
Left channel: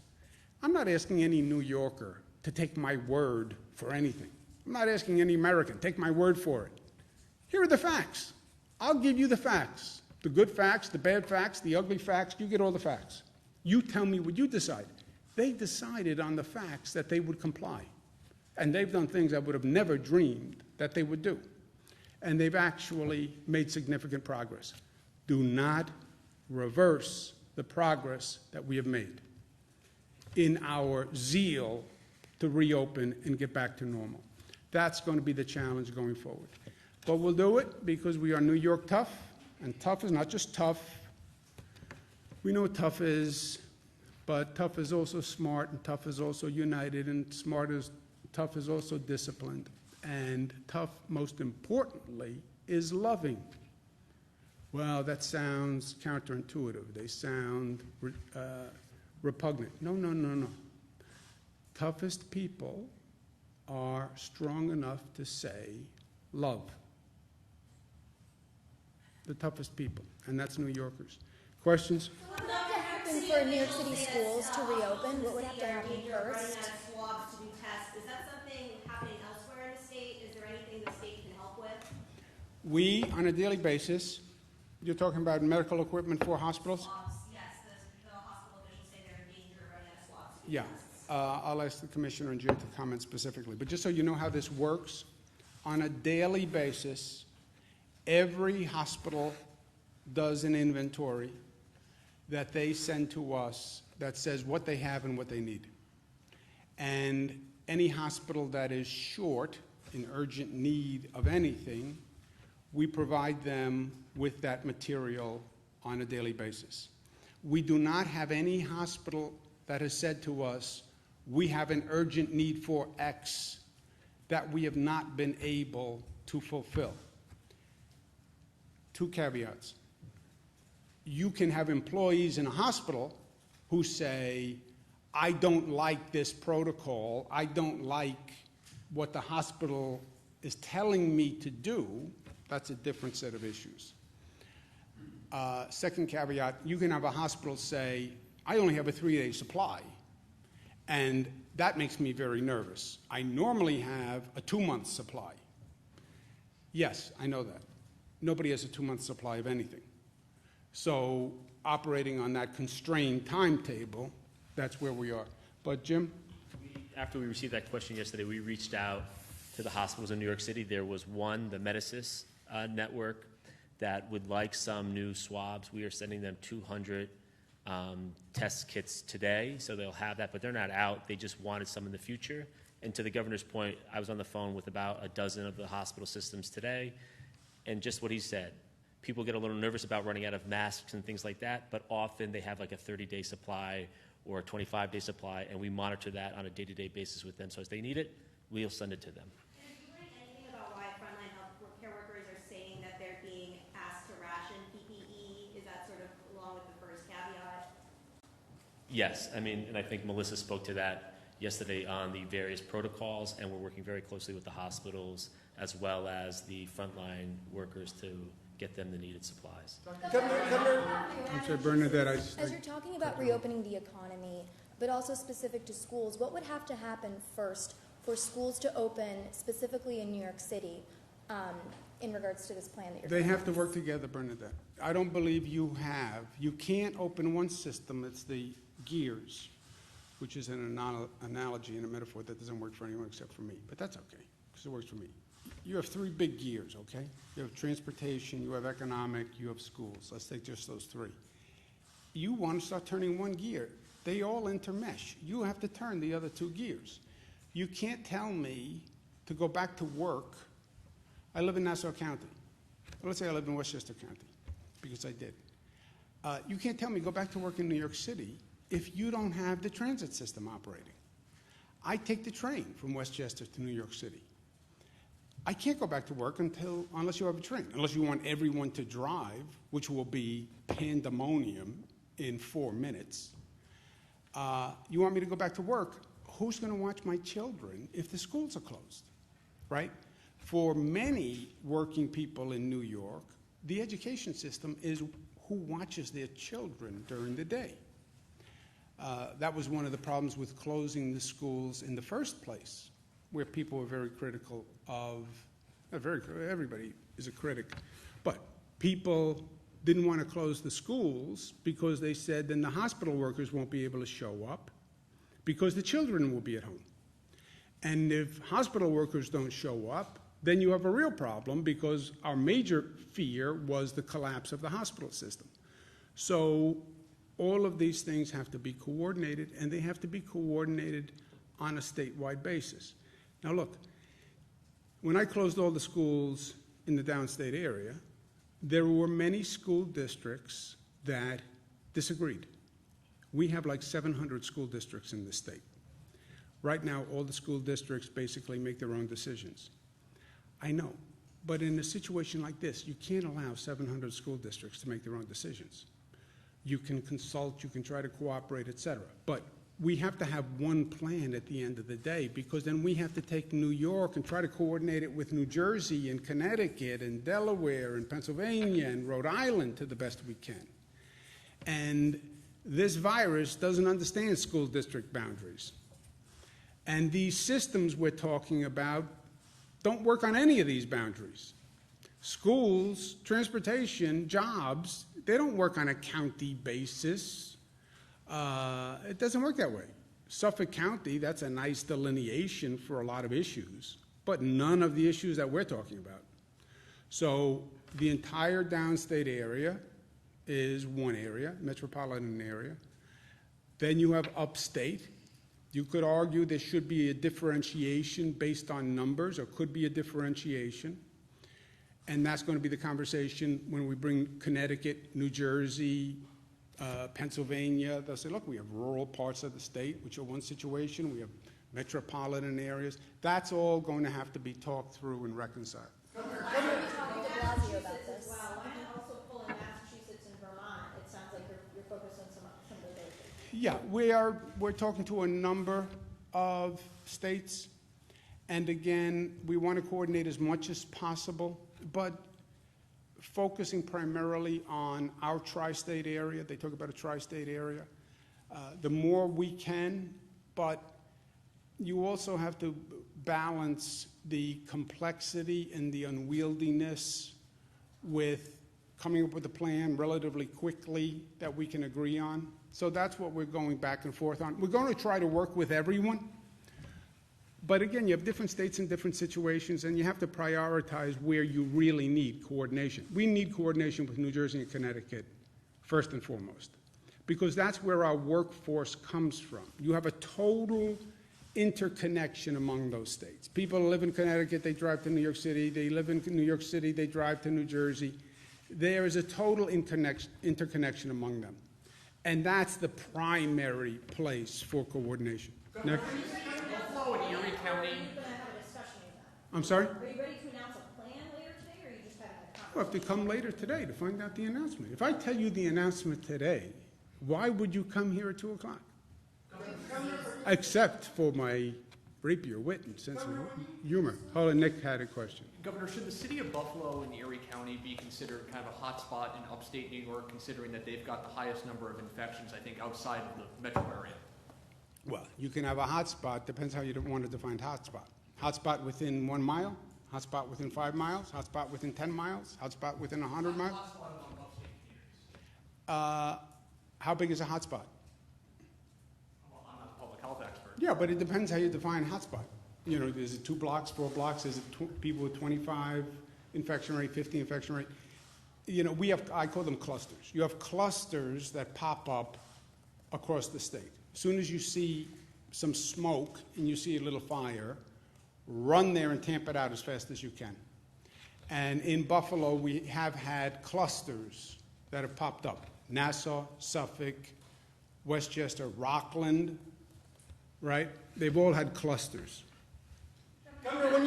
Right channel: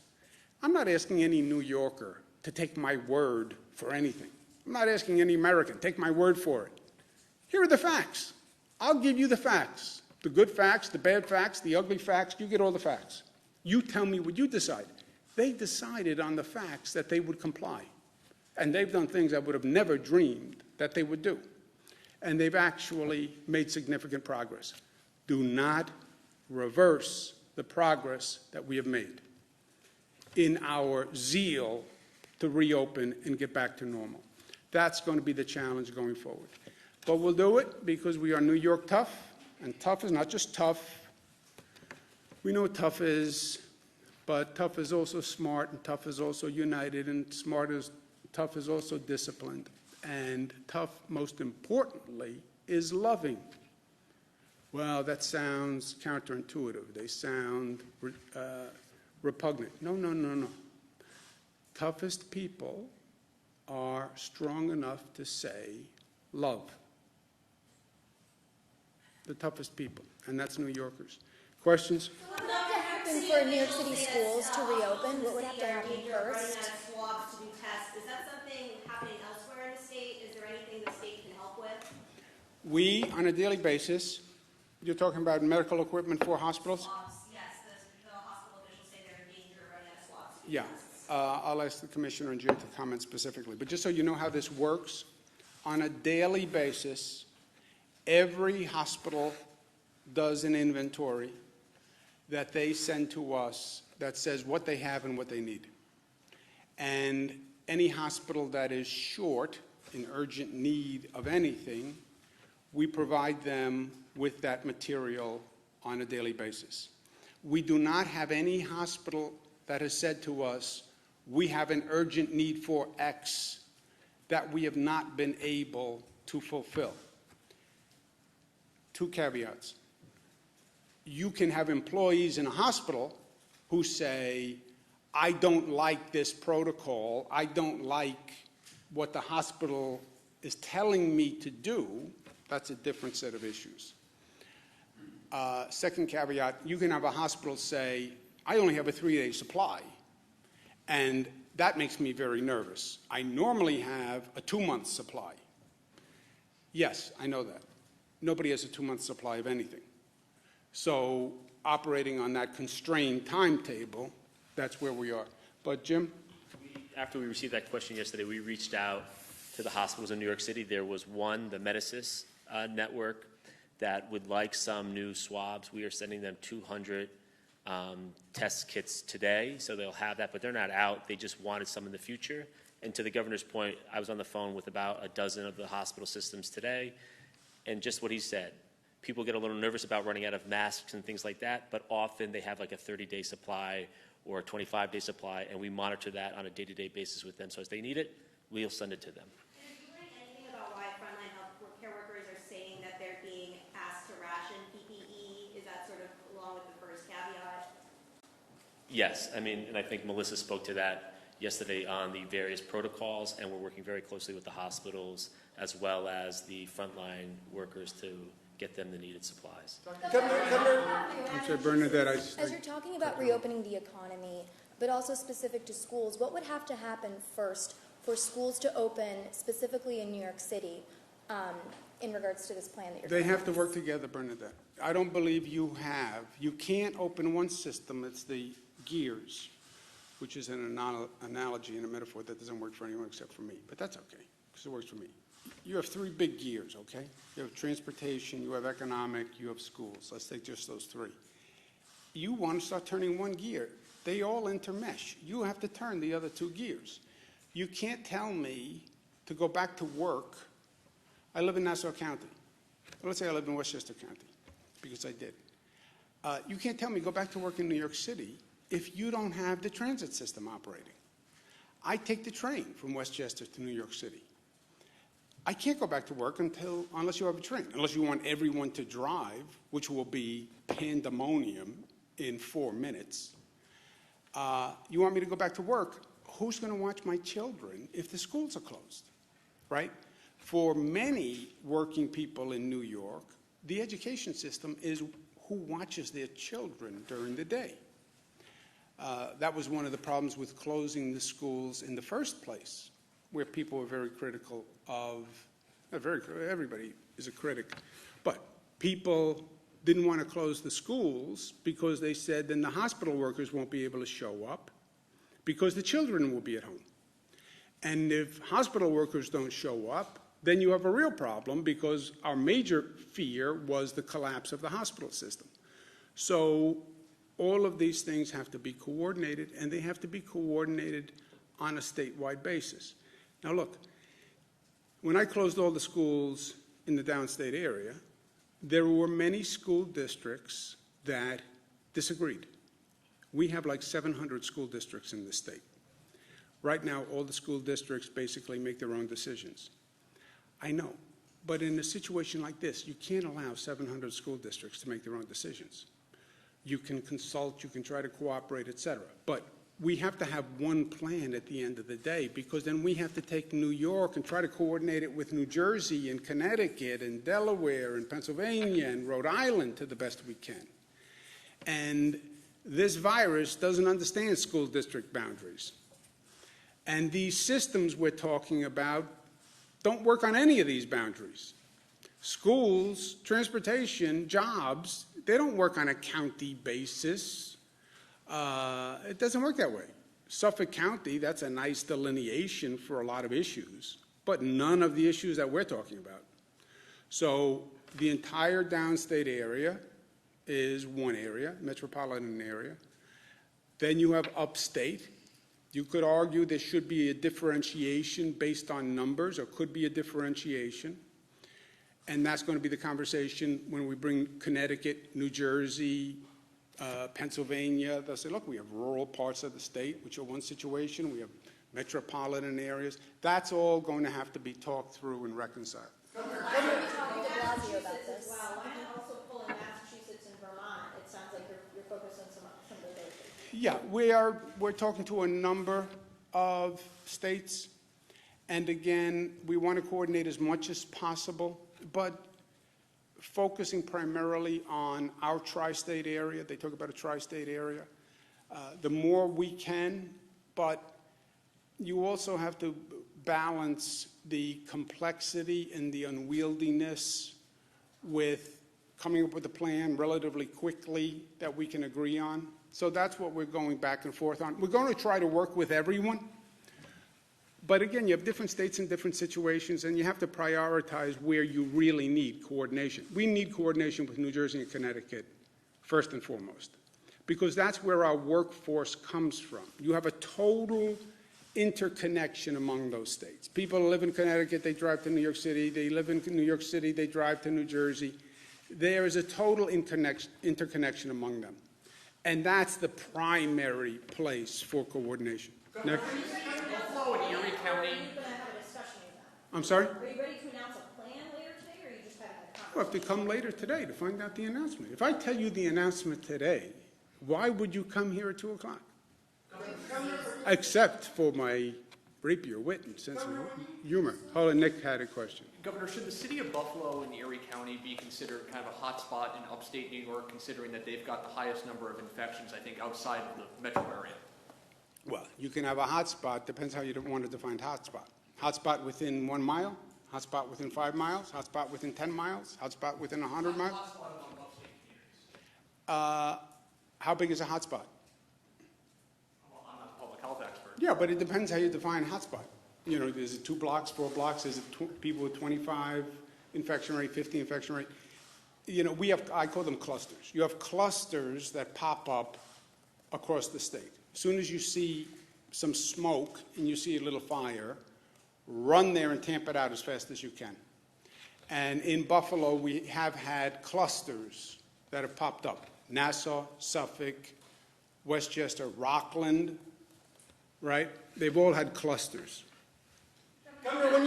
I'm not asking any New Yorker to take my word for anything. I'm not asking any American, take my word for it. Here are the facts. I'll give you the facts. The good facts, the bad facts, the ugly facts, you get all the facts. You tell me what you decide. They decided on the facts that they would comply. And they've done things I would have never dreamed that they would do. And they've actually made significant progress. Do not reverse the progress that we have made in our zeal to reopen and get back to normal. That's going to be the challenge going forward. But we'll do it because we are New York tough, and tough is not just tough. We know what tough is, but tough is also smart, and tough is also united, and tough is also disciplined. And tough, most importantly, is loving. Well, that sounds counterintuitive. They sound repugnant. No, no, no, no. Toughest people are strong enough to say love. The toughest people, and that's New Yorkers. Questions? What would have to happen for New York City schools to reopen? What would have to happen first? Swabs to do tests. Is that something happening elsewhere in the state? Is there anything the state can help with? We, on a daily basis, you're talking about medical equipment for hospitals? Swabs, yes. The hospital officials say they're in danger of running out of swabs. Yeah. I'll ask the Commissioner and Jim to comment specifically. But just so you know how this works, on a daily basis, every hospital does an inventory that they send to us that says what they have and what they need. And any hospital that is short, in urgent need of anything, we provide them with that material on a daily basis. We do not have any hospital that has said to us, we have an urgent need for X that we have not been able to fulfill. Two caveats. You can have employees in a hospital who say, I don't like this protocol, I don't like what the hospital is telling me to do. That's a different set of issues. Second caveat, you can have a hospital say, I only have a 3-day supply, and that makes me very nervous. I normally have a 2-month supply. Yes, I know that. Nobody has a 2-month supply of anything. So operating on that constrained timetable, that's where we are. But Jim? After we received that question yesterday, we reached out to the hospitals in New York City. There was one, the Medicis network, that would like some new swabs. We are sending them 200 test kits today, so they'll have that, but they're not out. They just wanted some in the future. And to the governor's point, I was on the phone with about a dozen of the hospital systems today, and just what he said. People get a little nervous about running out of masks and things like that, but often they have like a 30-day supply or a 25-day supply, and we monitor that on a day-to-day basis with them. So as they need it, we'll send it to them. And have you learned anything about why frontline healthcare workers are saying that they're being asked to ration PPE? Is that sort of along with the first caveat? Yes, I mean, and I think Melissa spoke to that yesterday on the various protocols, and we're working very closely with the hospitals as well as the frontline workers to get them the needed supplies. I'm sorry, Bernadette. As you're talking about reopening the economy, but also specific to schools, what would have to happen first for schools to open, specifically in New York City, in regards to this plan that you're They have to work together, Bernadette. I don't believe you can't open one system, it's the gears, which is an analogy and a metaphor that doesn't work for anyone except for me. But that's okay, because it works for me. You have 3 big gears, okay? You have transportation, you have economic, you have schools. Let's take just those 3. You want to start turning one gear. they all intermesh. You have to turn the other two gears. You can't tell me to go back to work. I live in Nassau County. Let's say I live in Westchester County, because I did. You can't tell me go back to work in New York City if you don't have the transit system operating. I take the train from Westchester to New York City. I can't go back to work unless you have a train, unless you want everyone to drive, which will be pandemonium in 4 minutes. You want me to go back to work? Who's going to watch my children if the schools are closed, right? For many working people in New York, the education system is who watches their children during the day. That was one of the problems with closing the schools in the first place, where people were very critical of, everybody is a critic, but people didn't want to close the schools because they said then the hospital workers won't be able to show up because the children will be at home. And if hospital workers don't show up, then you have a real problem, because our major fear was the collapse of the hospital system. So all of these things have to be coordinated, and they have to be coordinated on a statewide basis. Now look, when I closed all the schools in the downstate area, there were many school districts that disagreed. We have like 700 school districts in the state. Right now, all the school districts basically make their own decisions. I know, but in a situation like this, you can't allow 700 school districts to make their own decisions. You can consult, you can try to cooperate, et cetera, but we have to have one plan at the end of the day, because then we have to take New York and try to coordinate it with New Jersey and Connecticut and Delaware and Pennsylvania and Rhode Island to the best we can. And this virus doesn't understand school district boundaries. And these systems we're talking about don't work on any of these boundaries. Schools, transportation, jobs, they don't work on a county basis. It doesn't work that way. Suffolk County, that's a nice delineation for a lot of issues, but none of the issues that we're talking about. So the entire downstate area is one area, metropolitan area. Then you have upstate. You could argue there should be a differentiation based on numbers, or could be a differentiation. And that's going to be the conversation when we bring Connecticut, New Jersey, Pennsylvania. They'll say, look, we have rural parts of the state, which are one situation. We have metropolitan areas. That's all going to have to be talked through and reconciled. When were we talking to Blasio about this? Well, why not also pull in Massachusetts and Vermont? It sounds like you're focused on some of those areas. Yeah, we're talking to a number of states. And again, we want to coordinate as much as possible, but focusing primarily on our tri-state area. They talk about a tri-state area. The more we can, but you also have to balance the complexity and the unwieldiness with coming up with a plan relatively quickly that we can agree on. So that's what we're going back and forth on. We're going to try to work with everyone. But again, you have different states in different situations, and you have to prioritize where you really need coordination. We need coordination with New Jersey and Connecticut, first and foremost, because that's where our workforce comes from. You have a total interconnection among those states. People live in Connecticut, they drive to New York City. They live in New York City, they drive to New Jersey. There is a total interconnection among them. And that's the primary place for coordination. Next. Buffalo and Erie County. Are you going to have a discussion with that? I'm sorry? Are you ready to announce a plan later today, or are you just having a conversation? We'll have to come later today to find out the announcement. If I tell you the announcement today, why would you come here at 2 o'clock? Except for my rapier wit and sense of humor. Hold on, Nick had a question. Governor, should the city of Buffalo and Erie County be considered kind of a hotspot in upstate New York, considering that they've got the highest number of infections, I think, outside of the metro area? Well, you can have a hotspot, depends how you want to define hotspot. Hotspot within 1 mile, hotspot within 5 miles, hotspot within 10 miles, hotspot within 100 miles. Hotspot among upstate communities. How big is a hotspot? Well, I'm not a public health expert. Yeah, but it depends how you define hotspot. You know, is it 2 blocks, 4 blocks? Is it people with 25 infection rate, 50 infection rate? You know, I call them clusters. You have clusters that pop up across the state. As soon as you see some smoke and you see a little fire, run there and tamp it out as fast as you can. And in Buffalo, we have had clusters that have popped up. Nassau, Suffolk, Westchester, Rockland, right? They've all had clusters. Governor,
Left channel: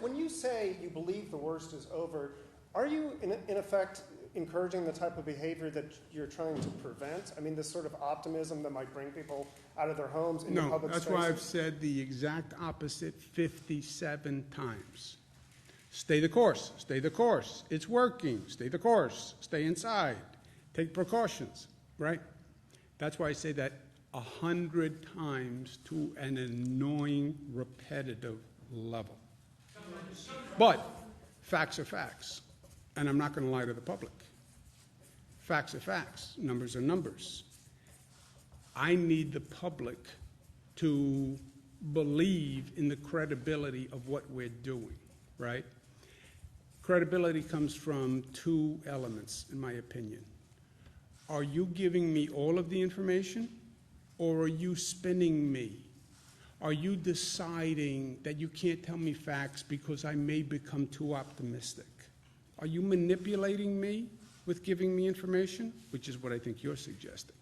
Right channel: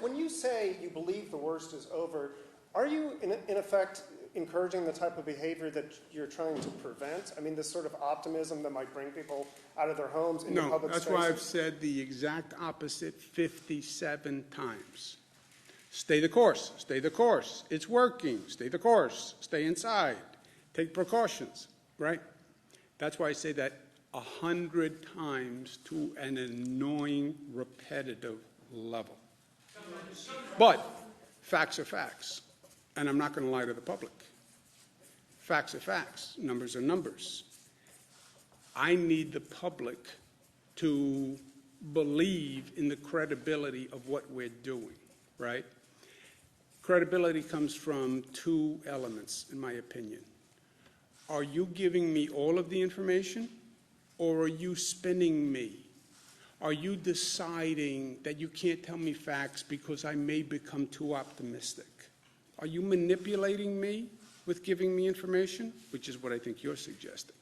when you say you believe the worst is over, are you in effect encouraging the type of behavior that you're trying to prevent? I mean, this sort of optimism that might bring people out of their homes into No, public that's spaces? why I've said the exact opposite 57 times. Stay the course, stay the course. It's working, stay the course, stay inside, take precautions, right? That's why I say that 100 times to an annoying, repetitive level. But facts are facts, and I'm not going to lie to the public. Facts are facts, numbers are numbers. I need the public to believe in the credibility of what we're doing, right? Credibility comes from two elements, in my opinion. Are you giving me all of the information, or are you spinning me? Are you deciding that you can't tell me facts because I may become too optimistic? Are you manipulating me with giving me information, which is what I think you're suggesting?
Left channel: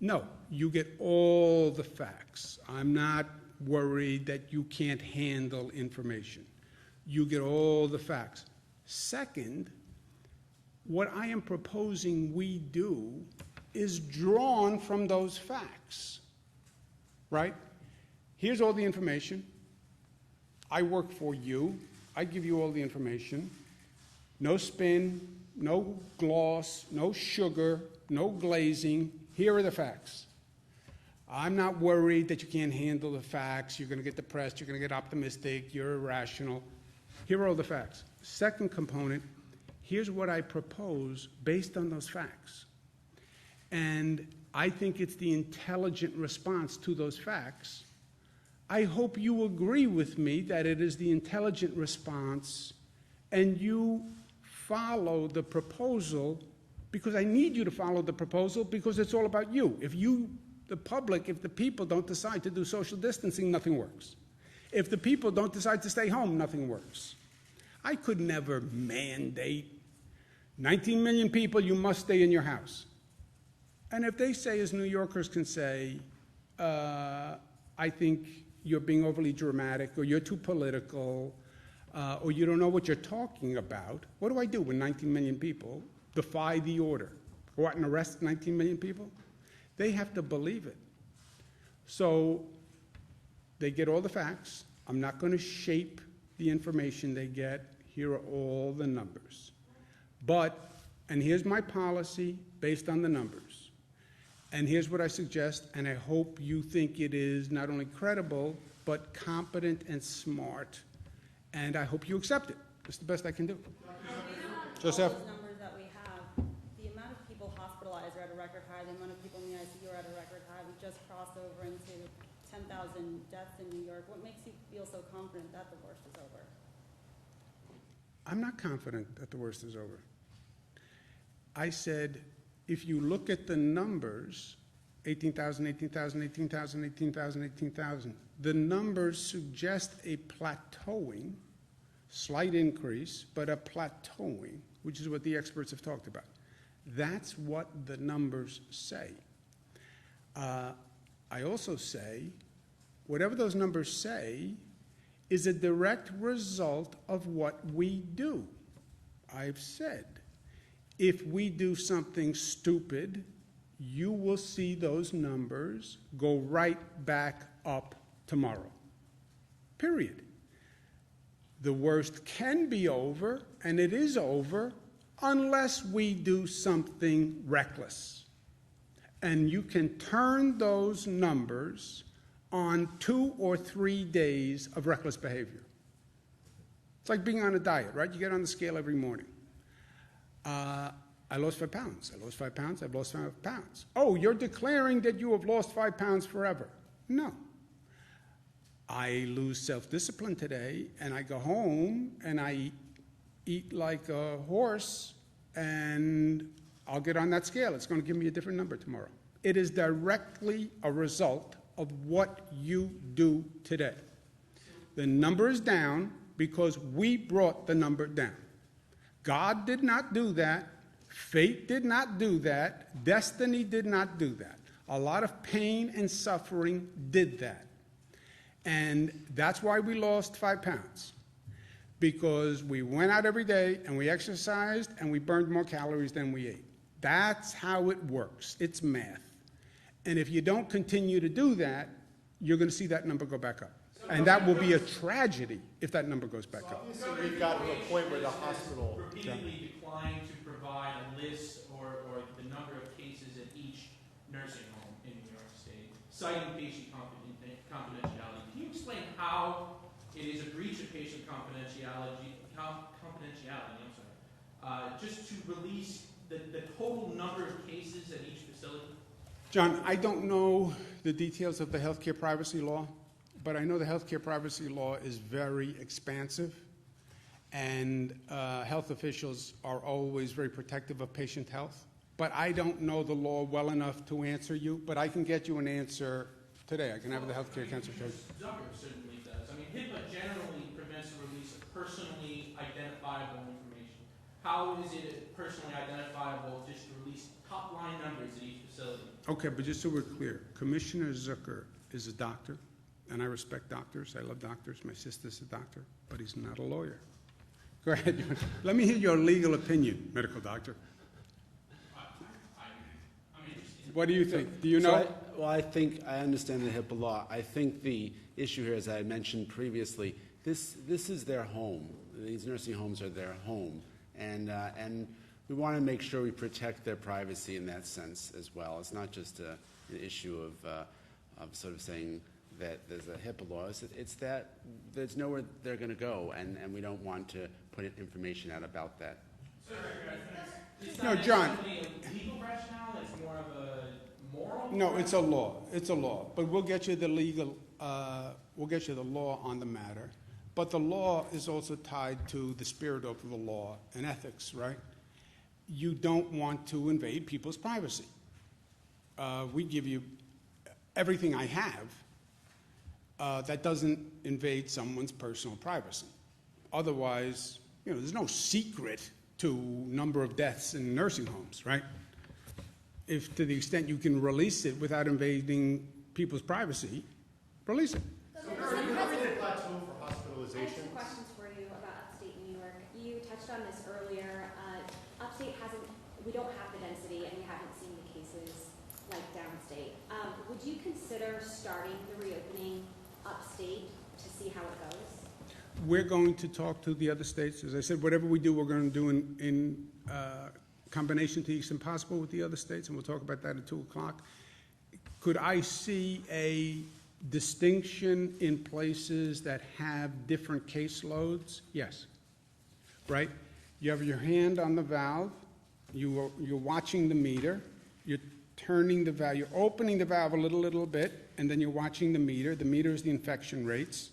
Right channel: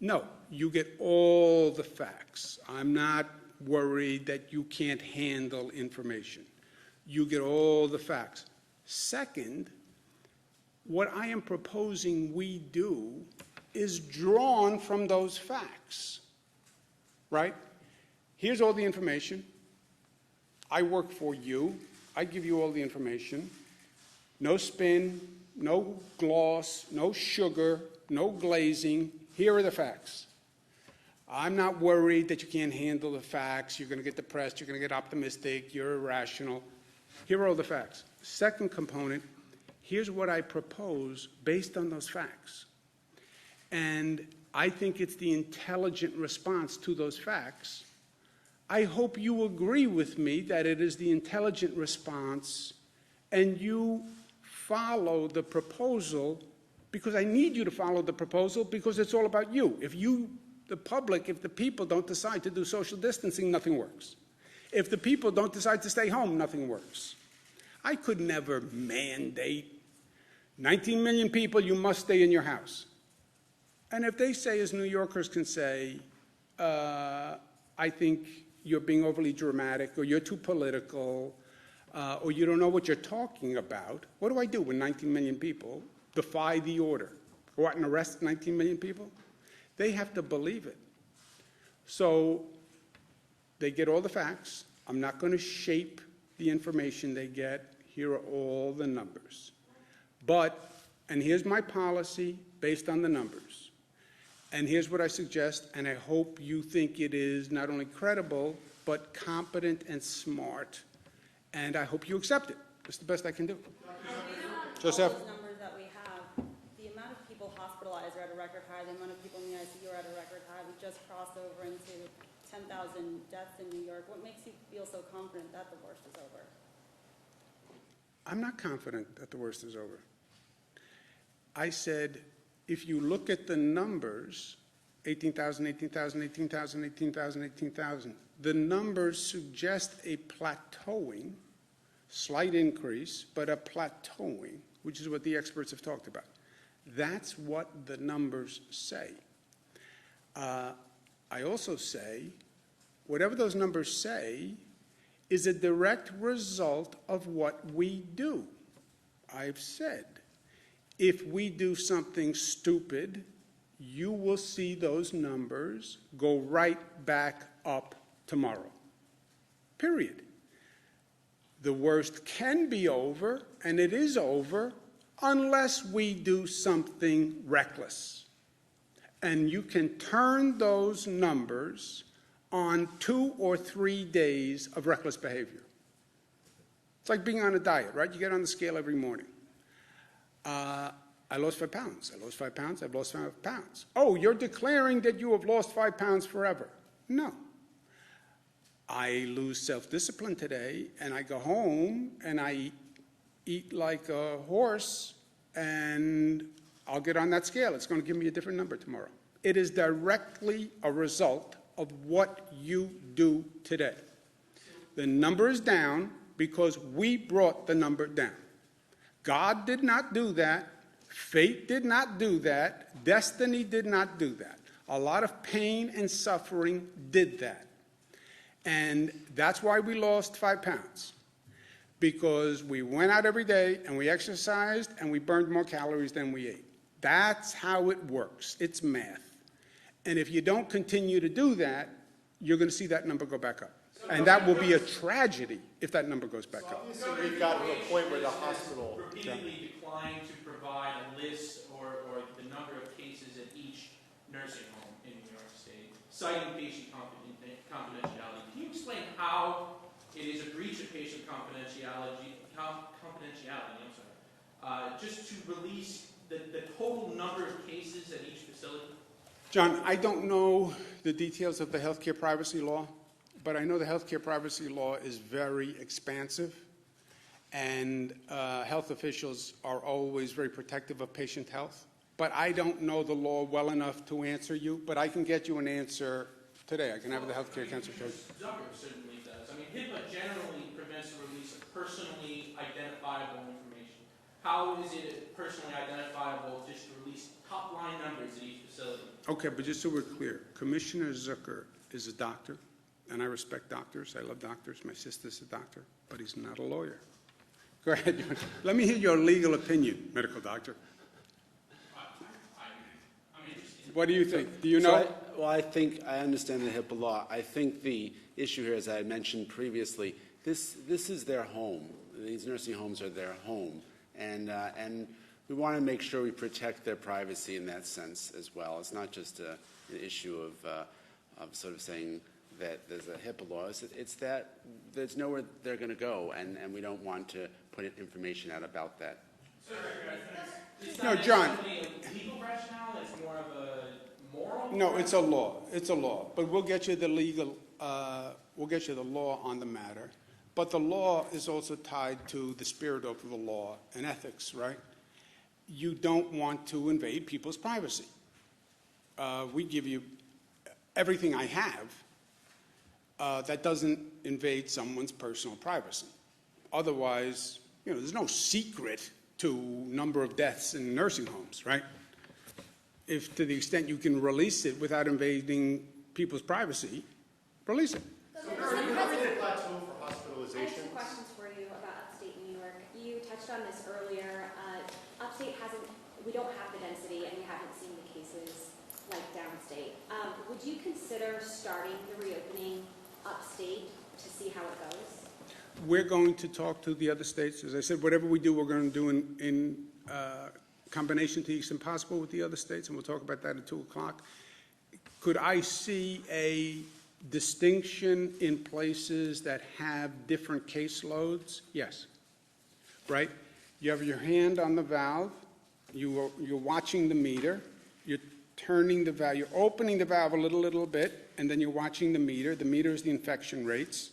No, you get all the facts. I'm not worried that you can't handle information. You get all the facts. Second, what I am proposing we do is drawn from those facts, right? Here's all the information. I work for you. I give you all the information. No spin, no gloss, no sugar, no glazing. Here are the facts. I'm not worried that you can't handle the facts. You're going to get depressed. You're going to get optimistic. You're irrational. Here are all the facts. Second component, here's what I propose based on those facts. And I think it's the intelligent response to those facts. I hope you agree with me that it is the intelligent response and you follow the proposal, because I need you to follow the proposal because it's all about you. If you, the public, if the people don't decide to do social distancing, nothing works. If the people don't decide to stay home, nothing works. I could never mandate 19 million people, you must stay in your house. And if they say, as New Yorkers can say, I think you're being overly dramatic, or you're too political, or you don't know what you're talking about, what do I do when 19 million people defy the order? Go out and arrest 19 million people? They have to believe it. So they get all the facts. I'm not going to shape the information they get. Here are all the numbers. But, and here's my policy based on the numbers. And here's what I suggest, and I hope you think it is not only credible, but competent and smart. And I hope you accept it. It's the best I can do. Joseph? All those numbers that we have, the amount of people hospitalized are at a record high, the amount of people in the ICU are at a record high. We just crossed over into 10,000 deaths in New York. What makes you feel so confident that the worst is over? I'm not confident that the worst is over. I said, if you look at the numbers, 18,000, 18,000, 18,000, 18,000, 18,000, the numbers suggest a plateauing, slight increase, but a plateauing, which is what the experts have talked about. That's what the numbers say. I also say, whatever those numbers say is a direct result of what we do. I've said, if we do something stupid, you will see those numbers go right back up tomorrow. Period. The worst can be over, and it is over, unless we do something reckless. And you can turn those numbers on 2 or 3 days of reckless behavior. It's like being on a diet, right? You get on the scale every morning. I lost 5 pounds. I lost 5 pounds. I've lost 5 pounds. Oh, you're declaring that you have lost 5 pounds forever. No. I lose self-discipline today, and I go home, and I eat like a horse, and I'll get on that scale. It's going to give me a different number tomorrow. It is directly a result of what you do today. The number is down because we brought the number down. God did not do that. Fate did not do that. Destiny did not do that. A lot of pain and suffering did that. And that's why we lost 5 pounds. Because we went out every day and we exercised and we burned more calories than we ate. That's how it works. It's math. And if you don't continue to do that, you're going to see that number go back up. And that will be a tragedy if that number goes back up. Obviously, we've got to a point where the hospital. Repeatedly declined to provide a list or the number of cases at each nursing home in New York State, citing patient confidentiality. Can you explain how it is a breach of patient confidentiality, just to release the total number of cases at each facility? John, I don't know the details of the healthcare privacy law, but I know the healthcare privacy law is very expansive, and health officials are always very protective of patient health. But I don't know the law well enough to answer you, but I can get you an answer today. I can have the healthcare council. Zucker certainly does. I mean, HIPAA generally prevents the release of personally identifiable information. How is it personally identifiable just to release top-line numbers at each facility? Okay, but just so we're clear, Commissioner Zucker is a doctor, and I respect doctors. I love doctors. My sister's a doctor, but he's not a lawyer. Go ahead. Let me hear your legal opinion, medical doctor. I'm interested. What do you think? Do you know? I think I understand the HIPAA law. I think the issue here, as I mentioned previously, this is their home. These nursing homes are their home, and we want to make sure we protect their privacy in that sense as well. It's not just an issue of sort of saying that there's a HIPAA law. It's that there's nowhere they're going to go, and we don't want to put information out about that. No, John. A legal rationale? It's more of a moral? No, it's a law. It's a law. But we'll get you the legal. We'll get you the law on the matter. But the law is also tied to the spirit of the law and ethics, right? You don't want to invade people's privacy. We give you everything I have that doesn't invade someone's personal privacy. Otherwise, there's no secret to number of deaths in nursing homes, right? If to the extent you can release it without invading people's privacy, release it. So where is the plateau for I have hospitalization? some questions for you about upstate New York. You touched on this earlier. Upstate we don't have the density and we haven't seen the cases like downstate. Would you consider starting the reopening upstate to see how it goes? We're going to talk to the other states. As I said, whatever we do, we're going to do in combination to the extent possible with the other states, and we'll talk about that at 2 o'clock. Could I see a distinction in places that have different caseloads? Yes. Right? You have your hand on the valve. You're watching the meter. You're turning the valve. You're opening the valve a little bit, and then you're watching the meter. The meter is the infection rates.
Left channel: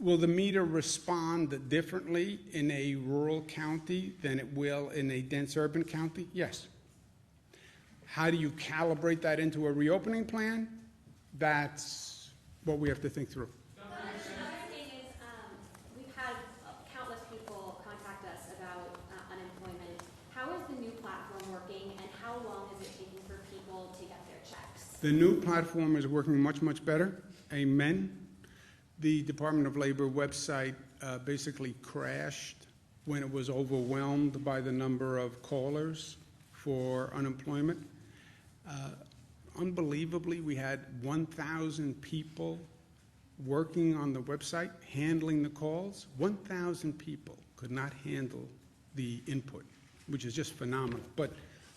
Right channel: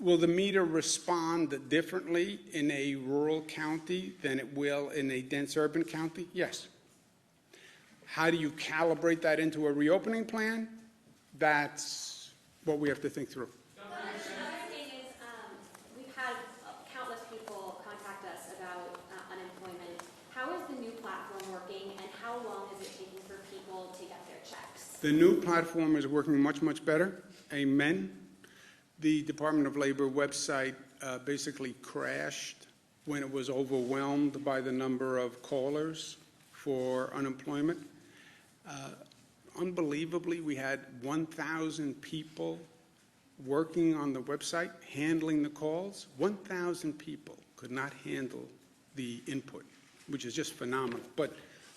Will the meter respond differently in a rural county than it will in a dense urban county? Yes. How do you calibrate that into a reopening plan? That's what we have to think through. Another thing is, we've had countless people contact us about unemployment. How is the new platform working, and how long is it taking for people to get their checks? The new platform is working much, much better. Amen. The Department of Labor website basically crashed when it was overwhelmed by the number of callers for unemployment. Unbelievably, we had 1,000 people working on the website, handling the calls. 1,000 people could not handle the input, which is just phenomenal. But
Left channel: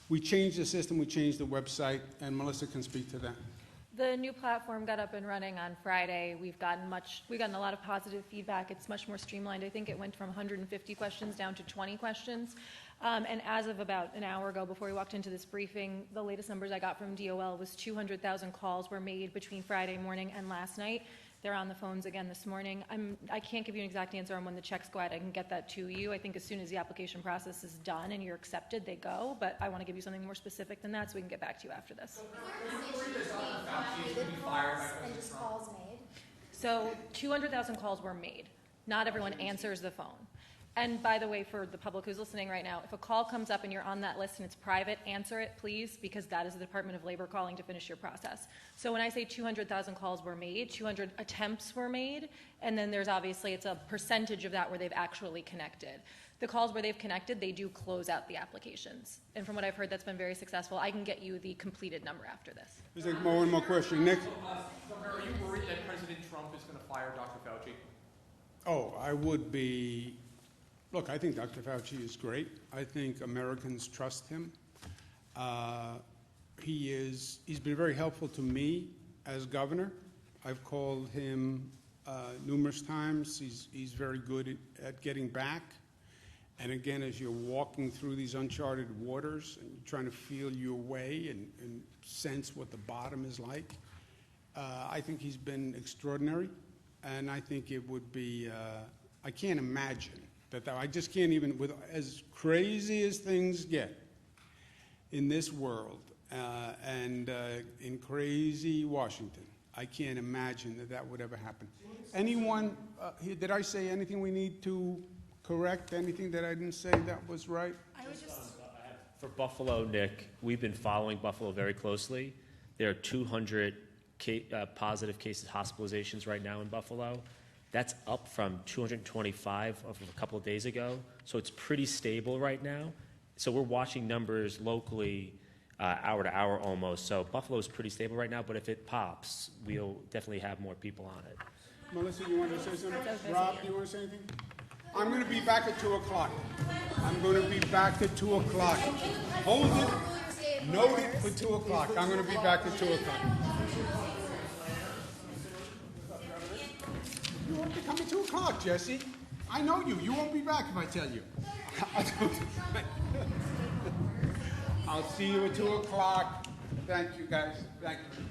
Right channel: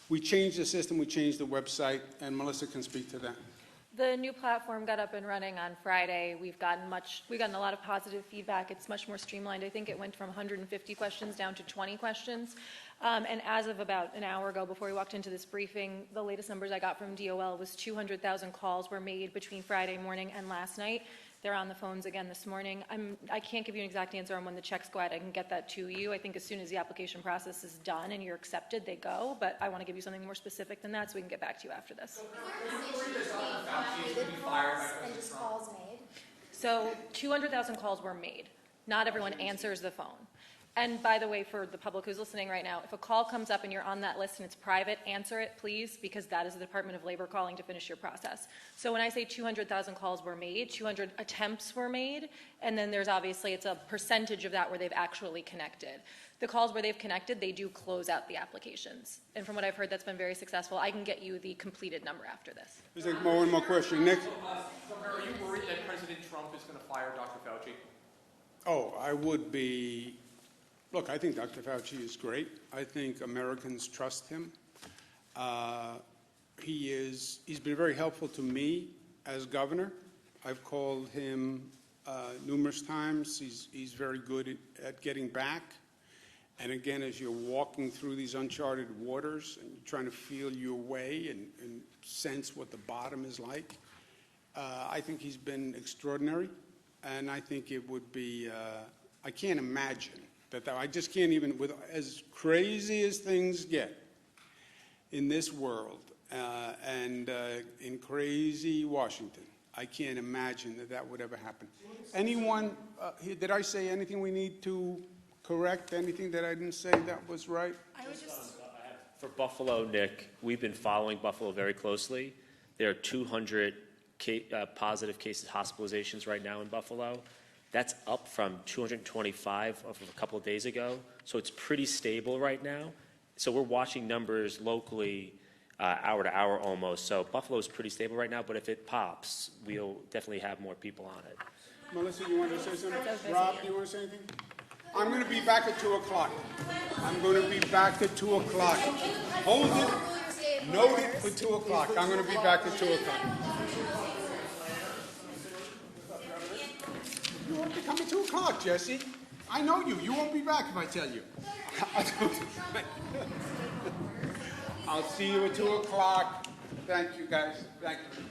we changed the system, we changed the website, and Melissa can speak to that. The new platform got up and running on Friday. We've gotten a lot of positive feedback. It's much more streamlined. I think it went from 150 questions down to 20 questions. And as of about an hour ago, before we walked into this briefing, the latest numbers I got from DOL was 200,000 calls were made between Friday morning and last night. They're on the phones again this morning. I can't give you an exact answer on when the checks go out. I can get that to you. I think as soon as the application process is done and you're accepted, they go. But I want to give you something more specific than that so we can get back to you after this. And just calls made? So 200,000 calls were made. Not everyone answers the phone. And by the way, for the public who's listening right now, if a call comes up and you're on that list and it's private, answer it, please, because that is the Department of Labor calling to finish your process. So when I say 200,000 calls were made, 200 attempts were made, and then there's obviously, it's a percentage of that where they've actually connected. The calls where they've connected, they do close out the applications. And from what I've heard, that's been very successful. I can get you the completed number after this. There's one more question. Nick? Are you worried that President Trump is going to fire Dr. Fauci? Oh, I would be. Look, I think Dr. Fauci is great. I think Americans trust him. He's been very helpful to me as governor. I've called him numerous times. He's very good at getting back. And again, as you're walking through these uncharted waters and you're trying to feel your way and sense what the bottom is like, I think he's been extraordinary. And I think it would be, I can't imagine that I just can't even, with as crazy as things get in this world and in crazy Washington, I can't imagine that would ever happen. Anyone, did I say anything we need to correct? Anything that I didn't say that was right? I would just... For Buffalo, Nick, we've been following Buffalo very closely. There are 200 positive cases, hospitalizations right now in Buffalo. That's up from 225 of a couple of days ago. So it's pretty stable right now. So we're watching numbers locally hour to hour almost. So Buffalo is pretty stable right now, but if it pops, we'll definitely have more people on it. Melissa, you want to say something? Rob, do you want to say anything? I'm going to be back at 2 o'clock. I'm going to be back at 2 o'clock. Hold it. Note it for 2 o'clock. I'm going to be back at 2 o'clock. You won't be coming 2 o'clock, Jesse. I know you. You won't be back if I tell you. I'll see you at 2 o'clock. Thank you, guys. Thank you.